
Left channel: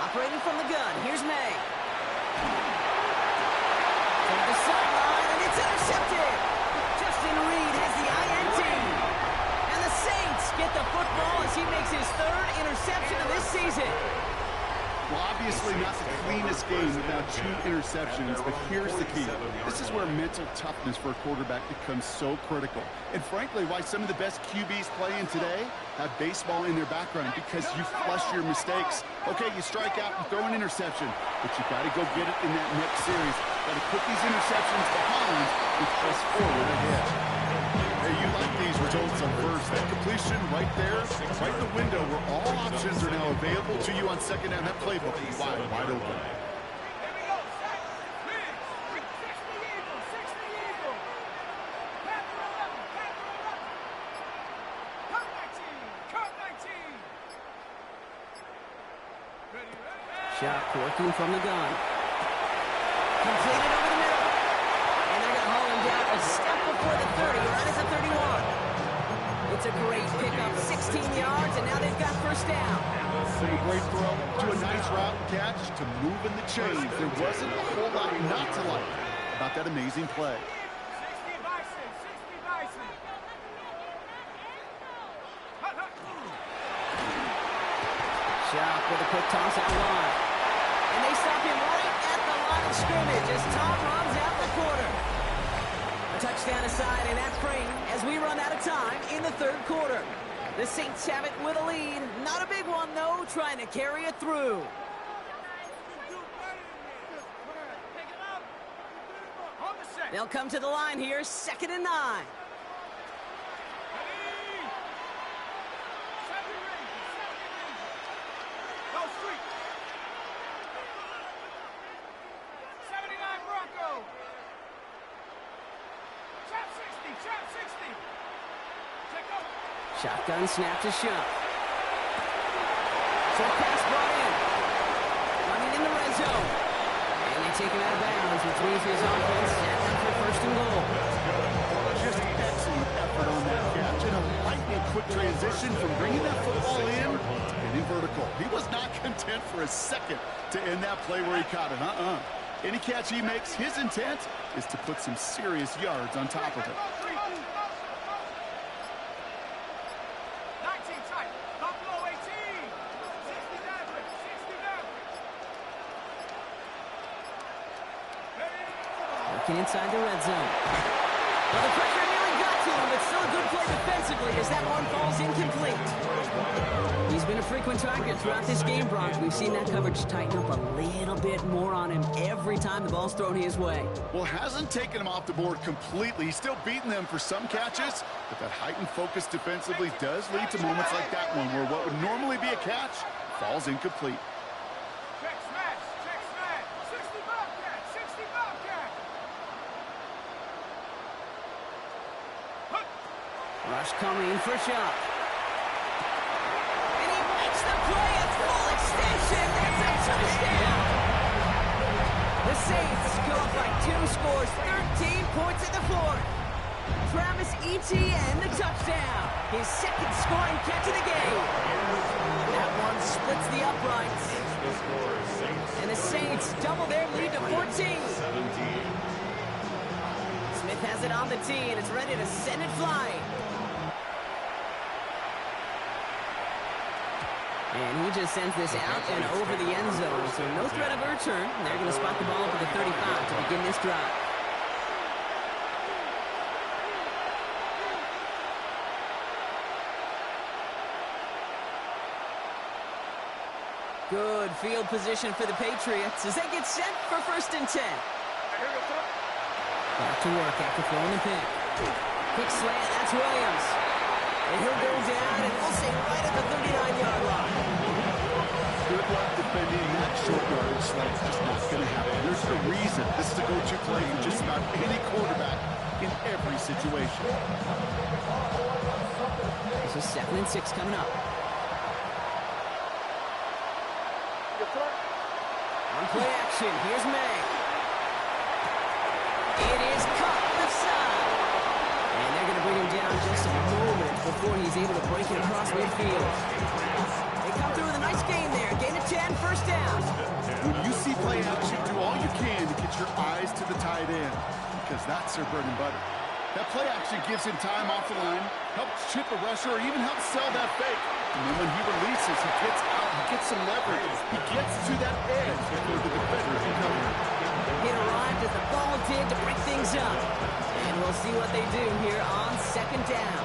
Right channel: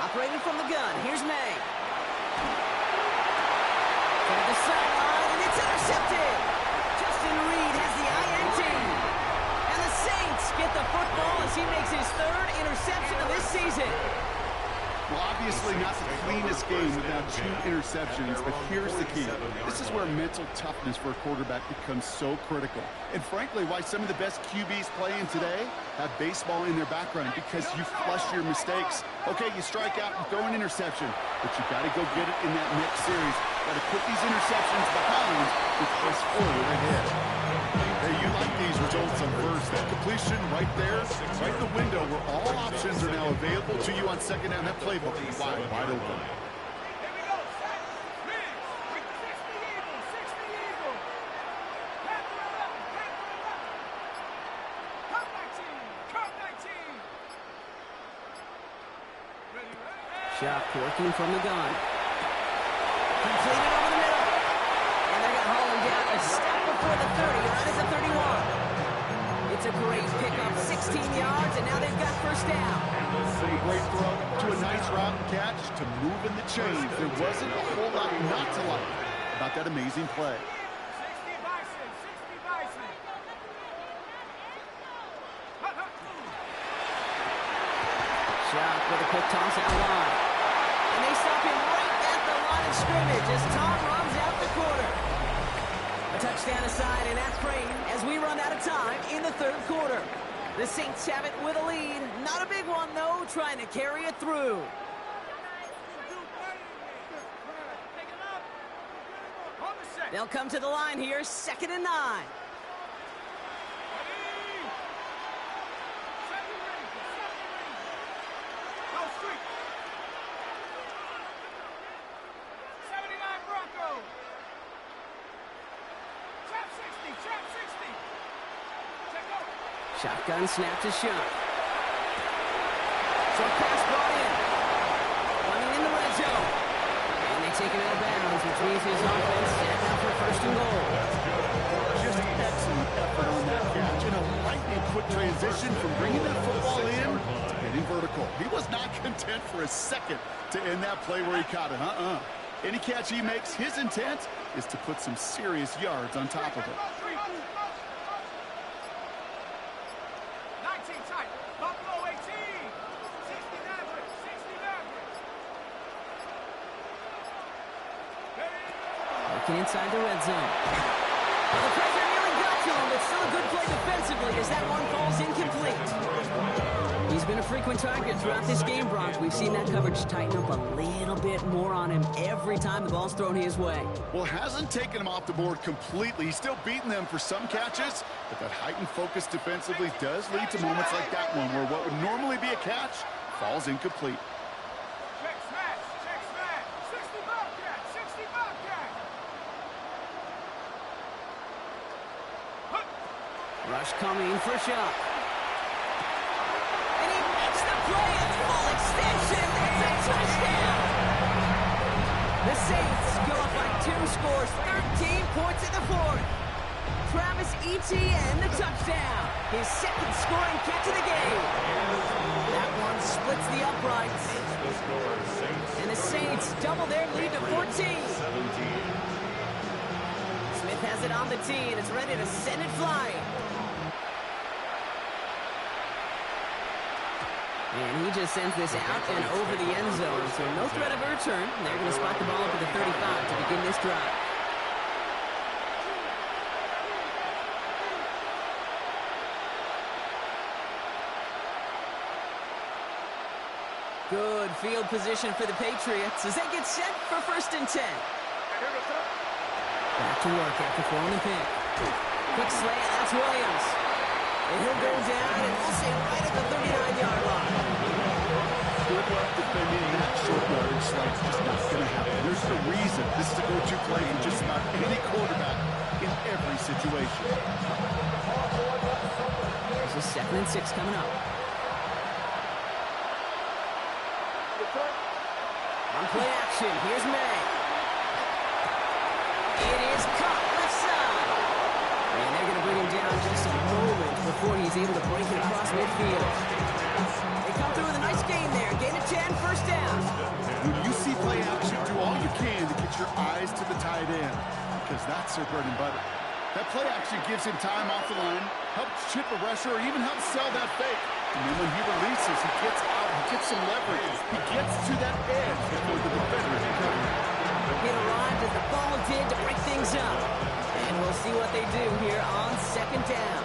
Operating from the gun. Here's May. To the sideline, and it's intercepted. Justin Reed has the INT. And the Saints get the football as he makes his 3rd interception of this season. Well, obviously not the cleanest game without 2 interceptions, but here's the key. This is where mental toughness for a quarterback becomes so critical. And frankly, why some of the best QBs playing today have baseball in their background, because you flush your mistakes. Okay, you strike out and throw an interception, but you got to go get it in that next series. Got to put these interceptions behind and press forward ahead. Hey, you like these results on first. That completion right there, right in the window where all options are now available to you on second down. That playbook is wide open. Here we go. Set. Mix. 60 Eagle. 60 Eagle. Panther 11. Panther 11. Curve 19. Curve 19. Ready. Shock working from the gun. Completed over the middle. And they're going to haul him down a step before the 30, right at the 31. It's a great pickup, 16 yards, and now they've got first down. From a great throw to a nice route and catch to moving the chains. There wasn't a whole lot not to like about that amazing play. 60 Bison. 60 Bison. Hut, hut. Shock with a quick toss out wide. And they stop him right at the line of scrimmage as Tom runs out the quarter. A touchdown aside in that frame as we run out of time in the 3rd quarter. The Saints have it with a lead. Not a big one, though, trying to carry it through. They'll come to the line here, 2nd and 9. Go street. 79 Bronco. Trap 60. Trap 60. Check out. Shotgun snap to Shock. Short pass brought in. Running in the red zone. And they take him out of bounds, which means his offense set up for 1st and goal. Just excellent effort on that catch. And a lightning quick transition from bringing that football in to getting vertical. He was not content for a second to end that play where he caught it. Any catch he makes, his intent is to put some serious yards on top of it. 19 tight. Buffalo 18. 60 Maverick. 60 Maverick. Working inside the red zone. Well, the pressure nearly got to him, but still a good play defensively as that one falls incomplete. He's been a frequent target throughout this game, Brock. We've seen that coverage tighten up a little bit more on him every time the ball's thrown his way. Well, hasn't taken him off the board completely. He's still beating them for some catches, but that heightened focus defensively does lead to moments like that one where what would normally be a catch falls incomplete. Check smash. Check smash. 60 Bobcat. 60 Bobcat. Rush coming for Shock. And he makes the play at full extension. That's a touchdown. The Saints go up by 2 scores, 13 points in the 4th. Travis Etienne, the touchdown. His 2nd scoring catch of the game. That one splits the uprights. And the Saints double their lead to 14. 17. Smith has it on the tee, and it's ready to send it flying. And he just sends this out and over the end zone. So no threat of a return. They're going to spot the ball up at the 35 to begin this drive. Good field position for the Patriots as they get set for 1st and 10. Back to work after throwing the pick. Quick slant, that's Williams. And he'll go down, and we'll say right at the 39-yard line. Good luck defending that short yardage slant. Just not going to happen. There's the reason this is a go-to play for just about any quarterback in every situation. This is 2nd and 6 coming up. On play action, here's May. It is caught left side. And they're going to bring him down just a moment before he's able to break it across midfield. They come through with a nice gain there. Gain of 10, 1st down. When you see play action, do all you can to get your eyes to the tight end, because that's their bread and butter. That play action gives him time off the line, helps chip a rusher, or even helps sell that fake. And then when he releases, he gets out, he gets some leverage. He gets to that edge before the defender can cover him. It arrived as the ball did to break things up. And we'll see what they do here on 2nd down.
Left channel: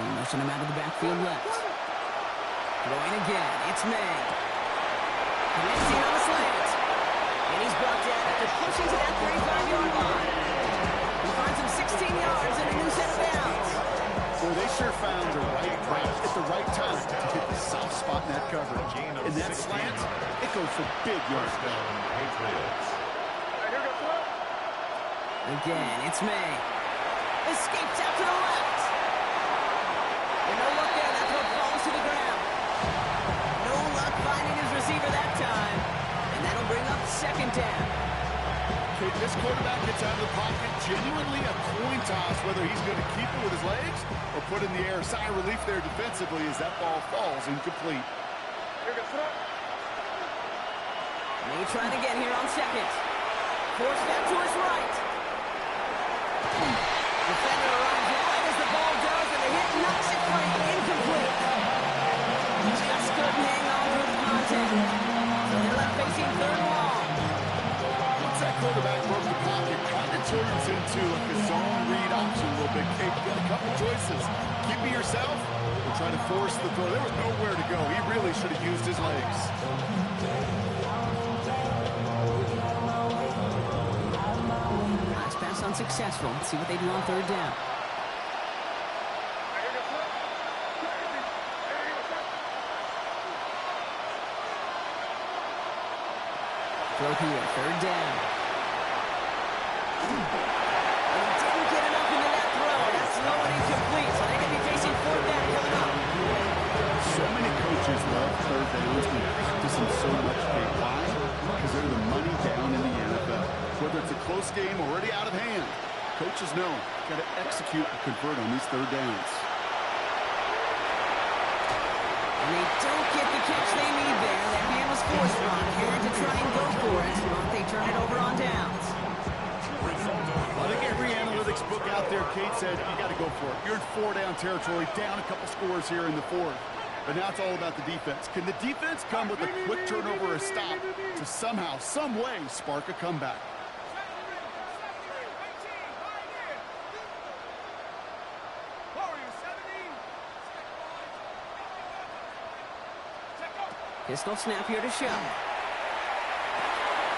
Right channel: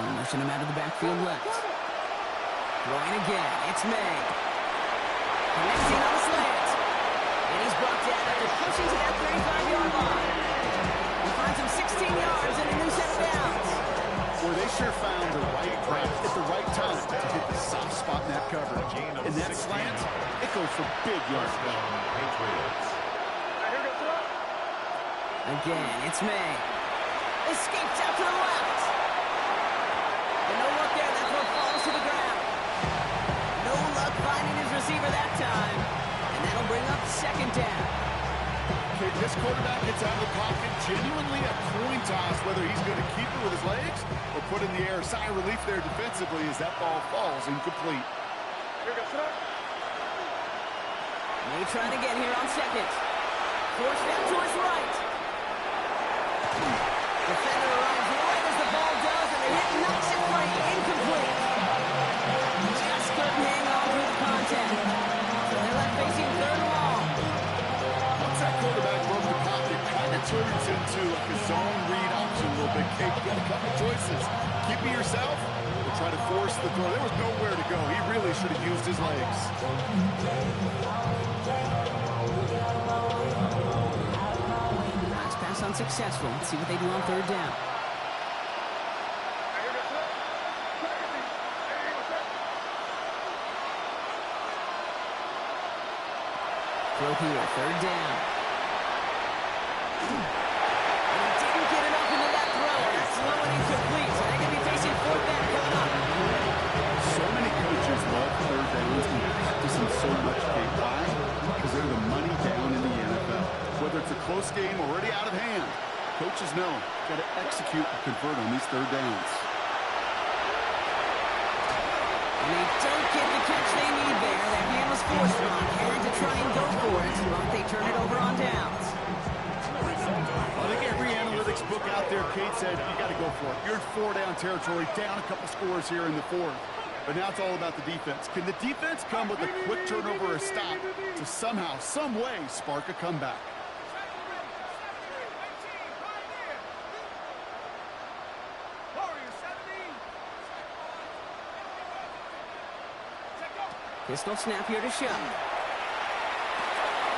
And motion him out of the backfield left. Throwing again, it's May. Connecting on the slant. And he's brought down after pushing to that 35-yard line. He finds him 16 yards and a new set of downs. Boy, they sure found the right route at the right time to hit the soft spot in that coverage. And that slant, it goes for big yards. Again, it's May. Escapes out to the left. And no look there, that throw falls to the ground. No luck finding his receiver that time. And that'll bring up 2nd down. Okay, this quarterback gets out of the pocket, genuinely a coin toss whether he's going to keep it with his legs or put in the air. Sigh of relief there defensively as that ball falls incomplete. May trying again here on 2nd. Forced out to his right. Defender arrives right as the ball does, and the hit knocks it free. Incomplete. Just couldn't hang on through the contact. So they're left facing 3rd and long. Once that quarterback broke the pocket, kind of turns into like a zone read option a little bit. Kate, you got a couple choices. Keep it yourself or try to force the throw. There was nowhere to go. He really should have used his legs. Last pass unsuccessful. Let's see what they do on 3rd down. Throw here, 3rd down. And he didn't get enough into that throw. That's low and incomplete, so they're going to be facing 4th down coming up. So many coaches love 3rd downs and practice them so much. Okay, why? Because they're the money down in the NFL. Whether it's a close game already out of hand, coaches know got to execute and convert on these 3rd downs. And they don't get the catch they need there. Their hand was forced wrong. Had to try and go for it, but they turn it over on downs. I think every analytics book out there, Kate said, you got to go for it. You're in 4-down territory, down a couple scores here in the 4th. But now it's all about the defense. Can the defense come with a quick turnover or a stop to somehow, some way, spark a comeback? Pistol snap here to show.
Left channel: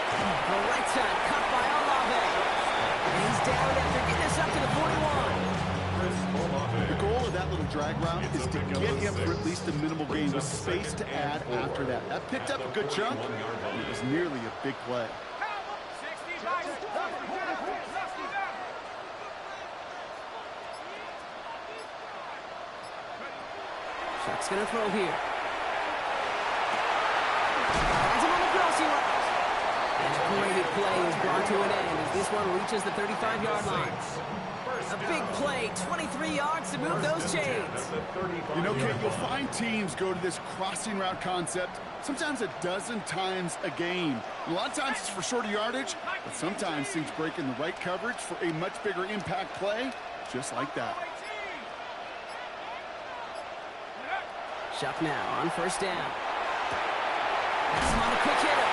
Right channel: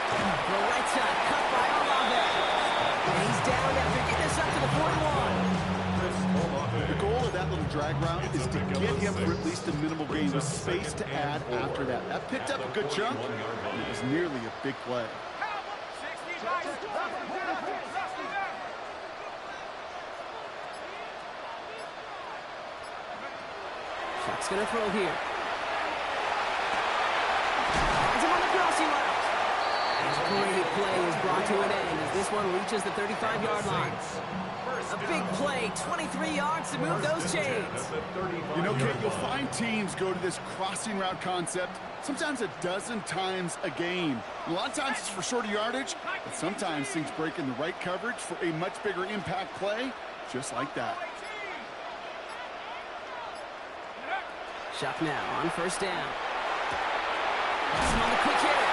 The right side cut by Olave. And he's down after getting us up to the 41. The goal of that little drag route is to get him for at least a minimal gain with space to add after that. That picked up a good chunk, and it was nearly a big play. Chuck's going to throw here. Finds him on the crossing route. And a great play is brought to an end as this one reaches the 35-yard line. A big play, 23 yards to move those chains. You know, Kate, you'll find teams go to this crossing route concept sometimes a dozen times a game. A lot of times it's for shorter yardage, but sometimes things break in the right coverage for a much bigger impact play, just like that. Chuck now on 1st down. Has him on the quick hitter.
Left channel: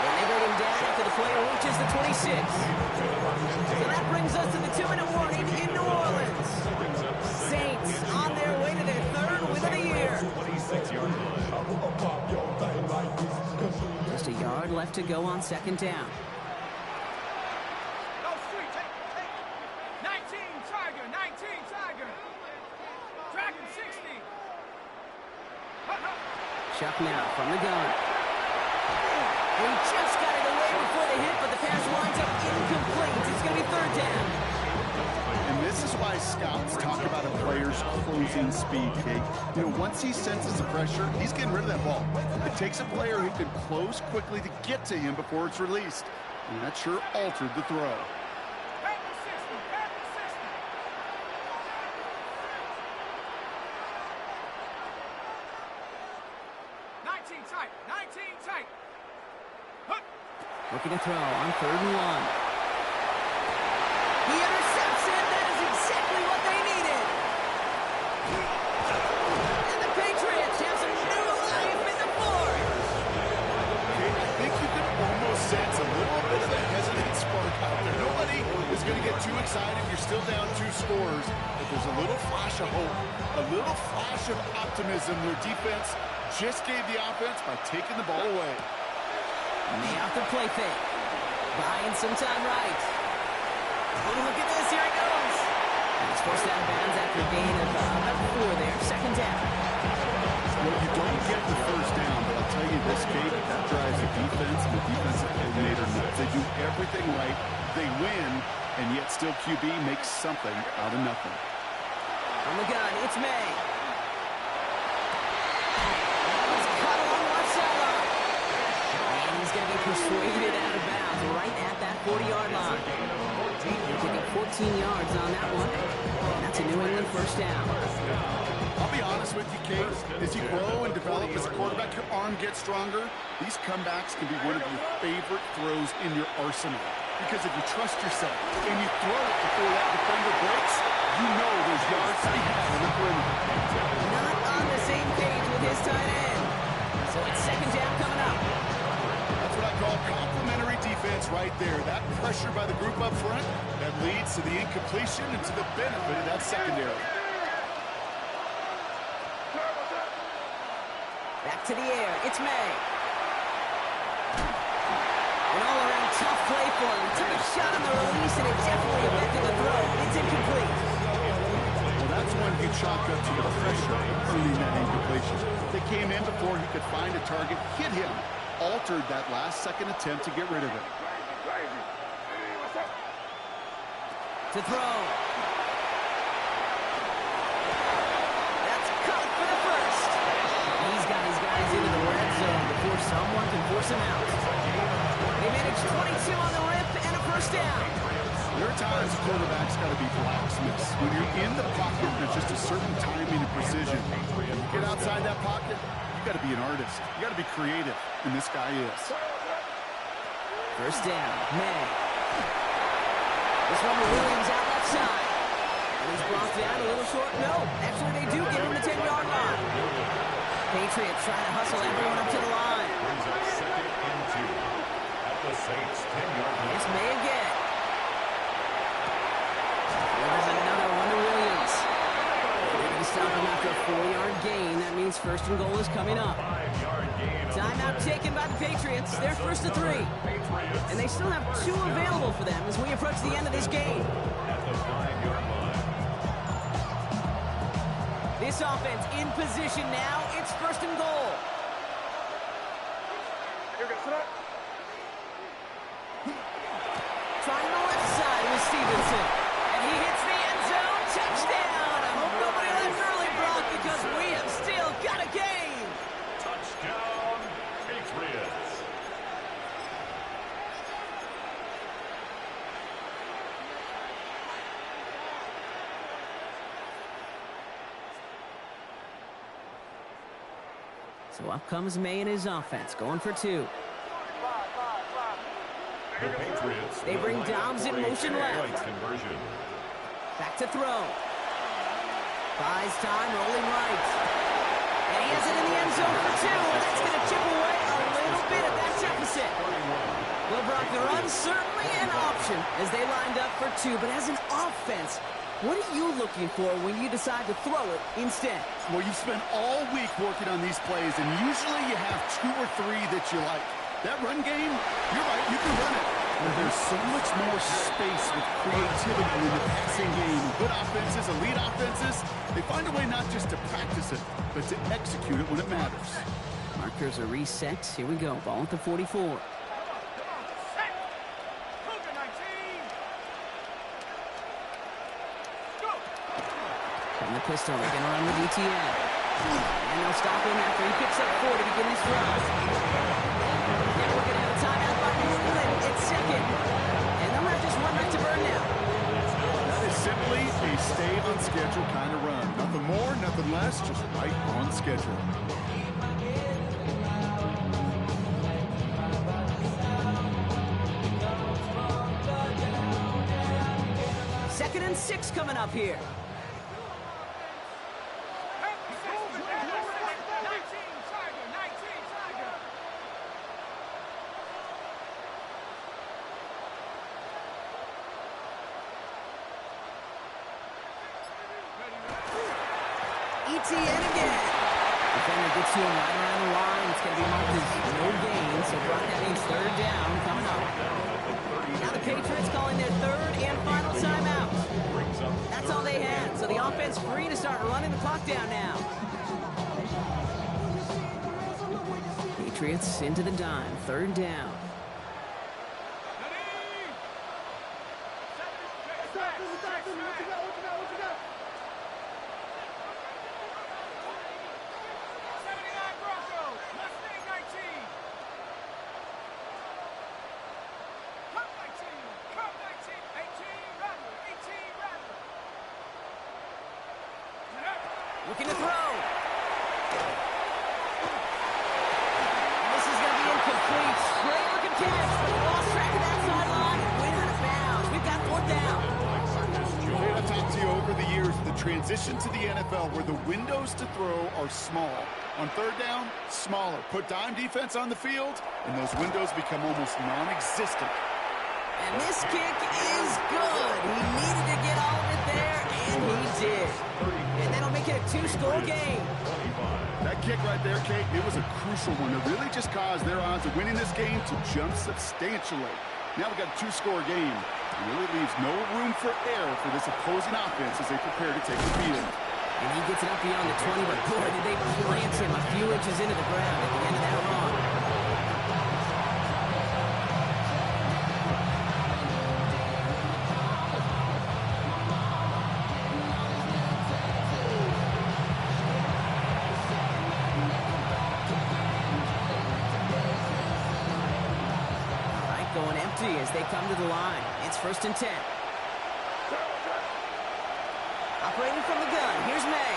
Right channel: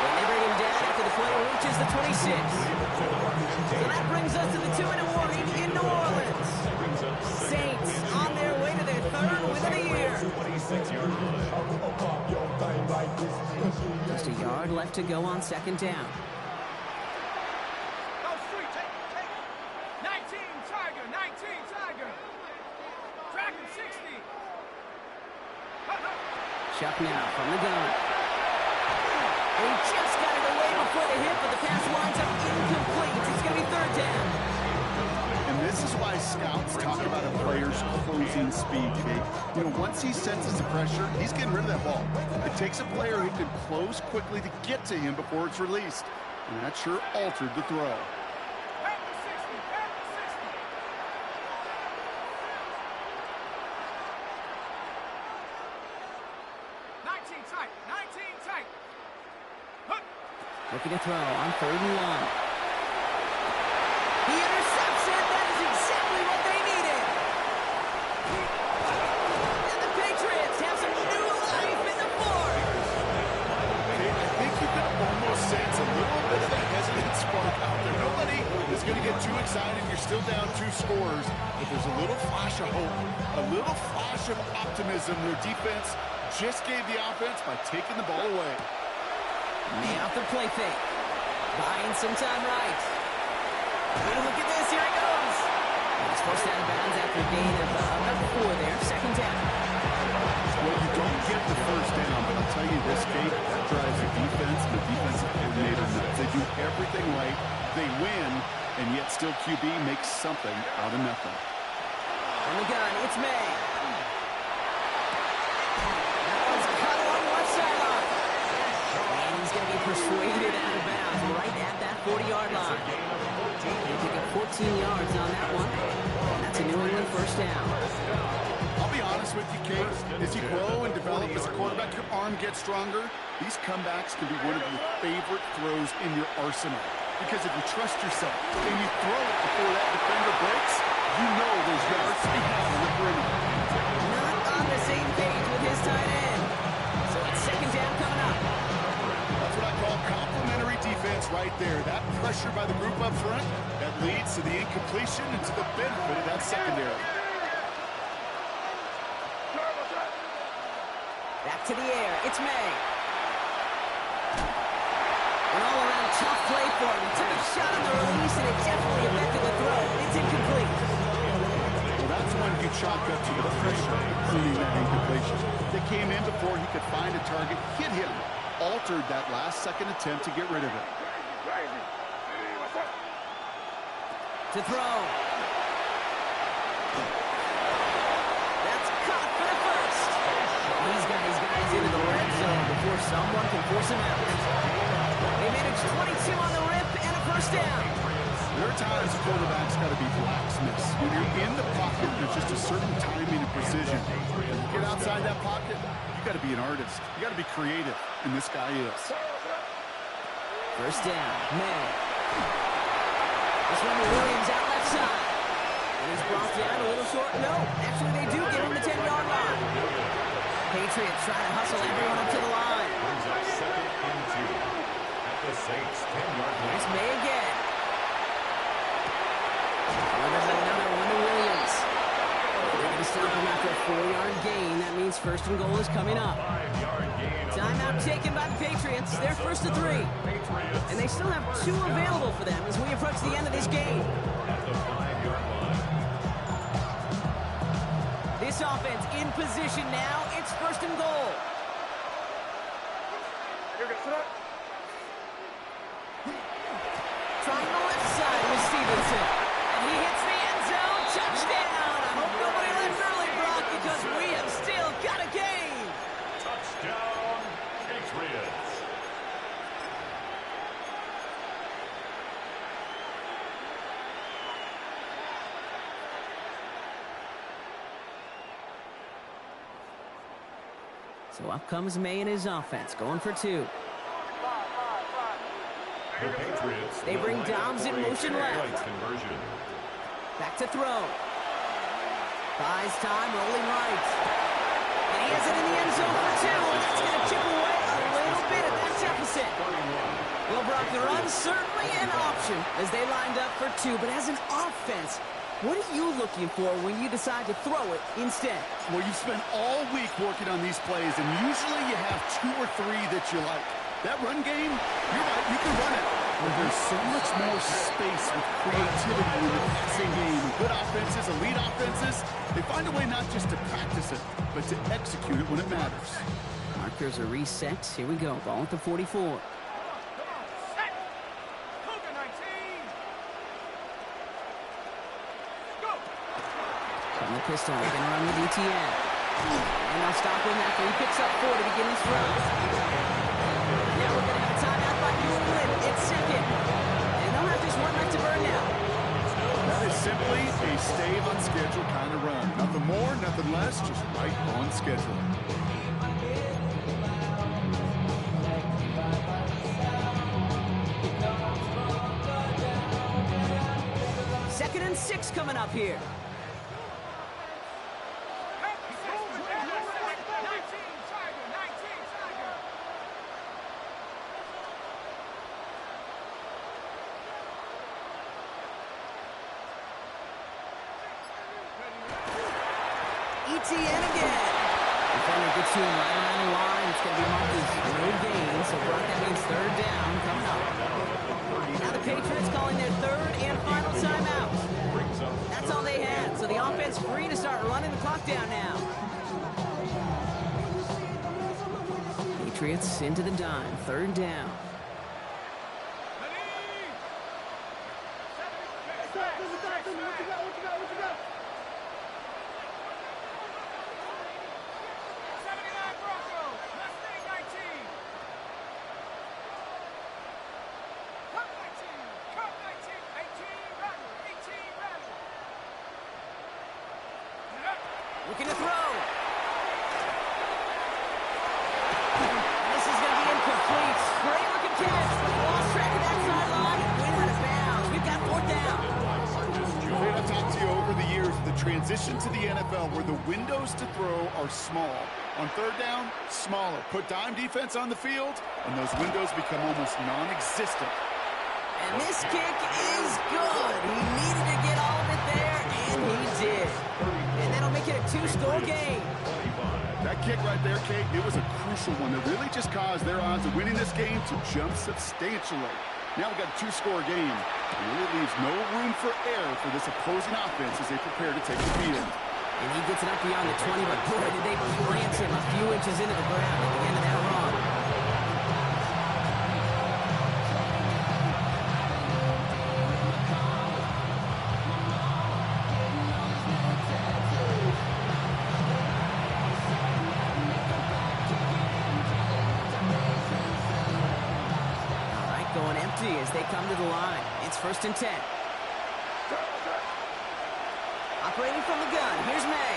And they bring him down after the play reaches the 26. So that brings us to the 2-minute warning in New Orleans. Saints on their way to their third win of the year. 26-yard line. Just a yard left to go on second down. Go street, take it. 19 Tiger, 19 Tiger. Dragon 60. Chuck now from the gun. And he just got it away before the hit, but the pass winds up incomplete. It's going to be third down. And this is why scouts talk about a player's closing speed, Kate. You know, once he senses the pressure, he's getting rid of that ball. It takes a player who can close quickly to get to him before it's released. And that sure altered the throw. Back to 60, back to 60. Tight, 19 tight. Looking to throw on 3rd and 1. He intercepts it. That is exactly what they needed. And the Patriots have some new life in the fourth. Kate, I think you can almost sense a little bit of a hesitant spark out there. Nobody is going to get too excited. You're still down 2 scores, but there's a little flash of hope, a little flash of optimism. Their defense just gave the offense by taking the ball away. May off the play fake. Buying some time right. Oh, look at this. Here he goes. And he's forced out of bounds after a gain of about 4 there. Second down. Well, you don't get the first down, but I'll tell you this, Kate, that drives the defense and the defensive coordinator nuts. They do everything right. They win, and yet still QB makes something out of nothing. On the gun, it's May. That one's cut along the left sideline. And he's going to be persuaded out of bounds right at that 40-yard line. He'll pick up 14 yards on that one. And that's a New England first down. I'll be honest with you, Kate. As you grow and develop as a quarterback, your arm gets stronger. These comebacks can be one of your favorite throws in your arsenal. Because if you trust yourself and you throw it before that defender breaks, you know there's yards to be had on the perimeter. Not on the same page with his tight end. So it's second down coming up. That's what I call complementary defense right there. That pressure by the group up front, that leads to the incompletion and to the benefit of that secondary. Back to the air. It's May. An all-around tough play for him. Took a shot on the release, and it definitely affected the throw. It's incomplete. Well, that's when you chalk up to the pressure earning that incompletion. They came in before he could find a target, hit him, altered that last-second attempt to get rid of it. To throw. That's caught for the first. He's got his guys into the red zone before someone can force him out. They managed 22 on the rip and a first down. There are times a quarterback's got to be blacksmiths. When you're in the pocket, there's just a certain timing and precision. When you get outside that pocket, you got to be an artist. You got to be creative, and this guy is. First down, May. This one to Williams out left side. And he's brought down a little short. No, actually they do give him the 10-yard line. Patriots trying to hustle everyone up to the line. Brings up second and 2 at the Saints' 10-yard line. Here's May again. Delivers another one to Williams. They're going to stop him after a 4-yard gain. That means first and goal is coming up. 5-yard gain. Timeout taken by the Patriots. They're first to 3. And they still have 2 available for them as we approach the end of this game. At the 5-yard line. This offense in position now. It's first and goal. Trying the left side with Stevenson. And he hits the end zone. Touchdown. I hope nobody left early, Brock, because we have still got a game. Touchdown, Patriots. So up comes May and his offense, going for 2. The Patriots. They bring Dobbs in motion left. Conversion. Back to throw. Buys time, rolling right. And he has it in the end zone for 2, and that's going to chip away a little bit at that deficit. Well, Brock, the run certainly an option as they lined up for two, but as an offense, what are you looking for when you decide to throw it instead? Well, you've spent all week working on these plays, and usually you have 2 or 3 that you like. That run game, you're right, you can run it. But there's so much more space with creativity in the passing game. Good offenses, elite offenses, they find a way not just to practice it, but to execute it when it matters. Markers are reset. Here we go. Ball at the 44. Come on, set. Cougar 19. Go. From the pistol, they're going to run the DTN. And they'll stop him after he picks up 4 to begin this drive. Now we're going to have a timeout by New England. It's second. And they'll have just 1 night to burn now. That is simply a stay on schedule kind of run. Nothing more, nothing less, just right on schedule. Second and 6 coming up here. 19 Tiger, 19 Tiger. ETN again. Defender gets to him right around the line. It's going to be marked as no gain, so Brock, that means 3rd down coming up. Now the Patriots calling their 3rd and final timeout. That's all they had, so the offense free to start running the clock down now. Patriots into the dime, 3rd down. Looking to throw. And this is going to be incomplete. Great looking catch, but he lost track of that sideline and went out of bounds. We've got 4th down. I've talked to you over the years, the transition to the NFL where the windows to throw are small. On 3rd down, smaller. Put dime defense on the field, and those windows become almost non-existent. And this kick is good. He needed to get all of it there, and he did. And that'll make it a 2-score game. That kick right there, Kate, it was a crucial one that really just caused their odds of winning this game to jump substantially. Now we've got a 2-score game. It really leaves no room for error for this opposing offense as they prepare to take the field. And he gets it up beyond the 20, but boy, did they plant him a few inches into the ground at the end of that run. Going empty as they come to the line. It's 1st and 10. Operating from the gun. Here's May.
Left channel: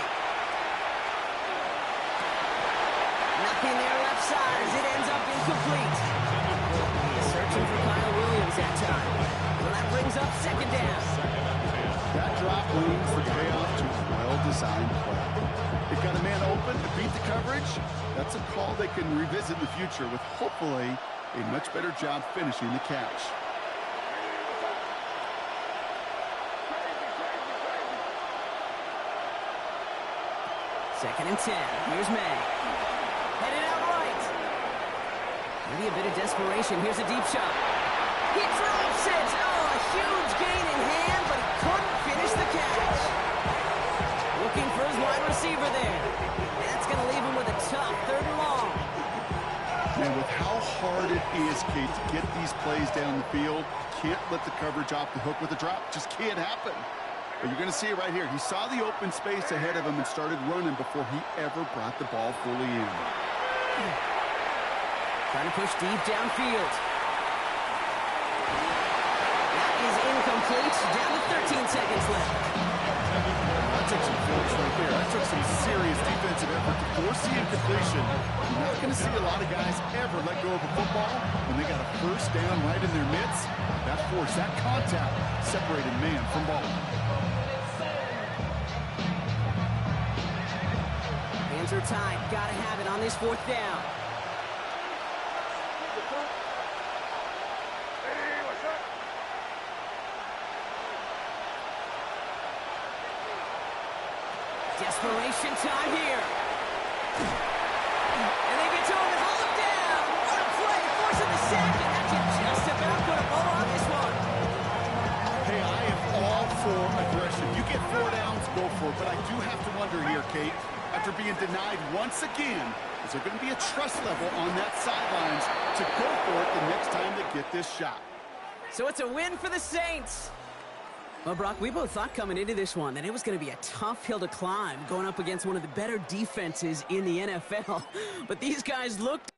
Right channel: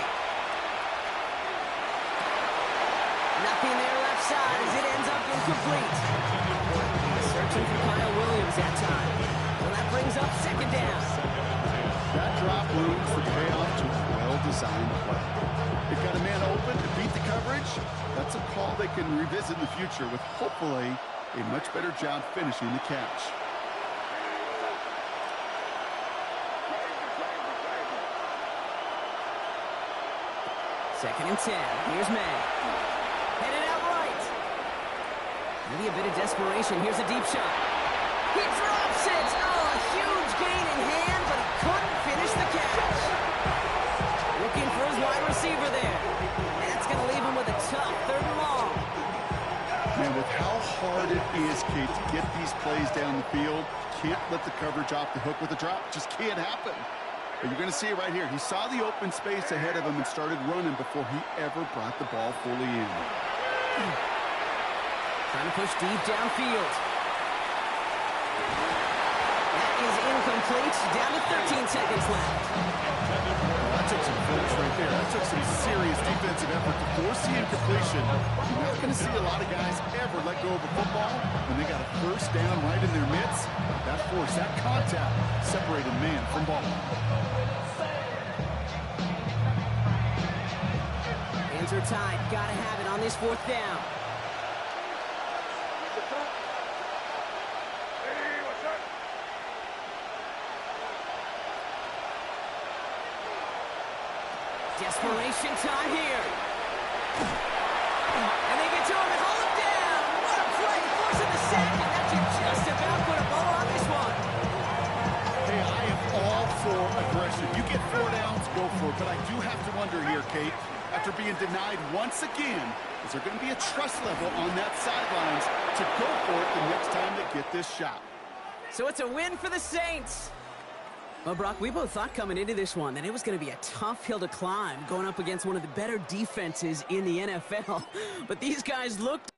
Nothing there left side as it ends up incomplete. He's searching for Kyle Williams that time. Well, that brings up 2nd down. That drop brings the payoff to a well-designed play. They've got a man open to beat the coverage. That's a call they can revisit in the future with hopefully a much better job finishing the catch. Second and 10. Here's May. Headed out right. Maybe a bit of desperation. Here's a deep shot. He drops it. Oh, a huge gain in hand, but he couldn't finish the catch. Looking for his wide receiver there. And that's going to leave him with a tough 3rd and long. And with how hard it is, Kate, to get these plays down the field, can't let the coverage off the hook with a drop. Just can't happen. But you're going to see it right here. He saw the open space ahead of him and started running before he ever brought the ball fully in. Trying to push deep downfield. That is incomplete. Down to 13 seconds left. Well, that took some focus right there. That took some serious defensive effort to force the incompletion. You're not going to see a lot of guys ever let go of a football when they got a 1st down right in their midst. That force, that contact, separated man from ball. Hands are tied. Got to have it on this 4th down. Desperation time here. And they get to him and hold him down. What a play, forcing the sack, and that should just about put a bow on this one. Hey, I am all for aggression. You get 4 downs, go for it. But I do have to wonder here, Kate, after being denied once again, is there going to be a trust level on that sidelines to go for it the next time they get this shot? So it's a win for the Saints. Well, Brock, we both thought coming into this one that it was going to be a tough hill to climb going up against one of the better defenses in the NFL. But these guys looked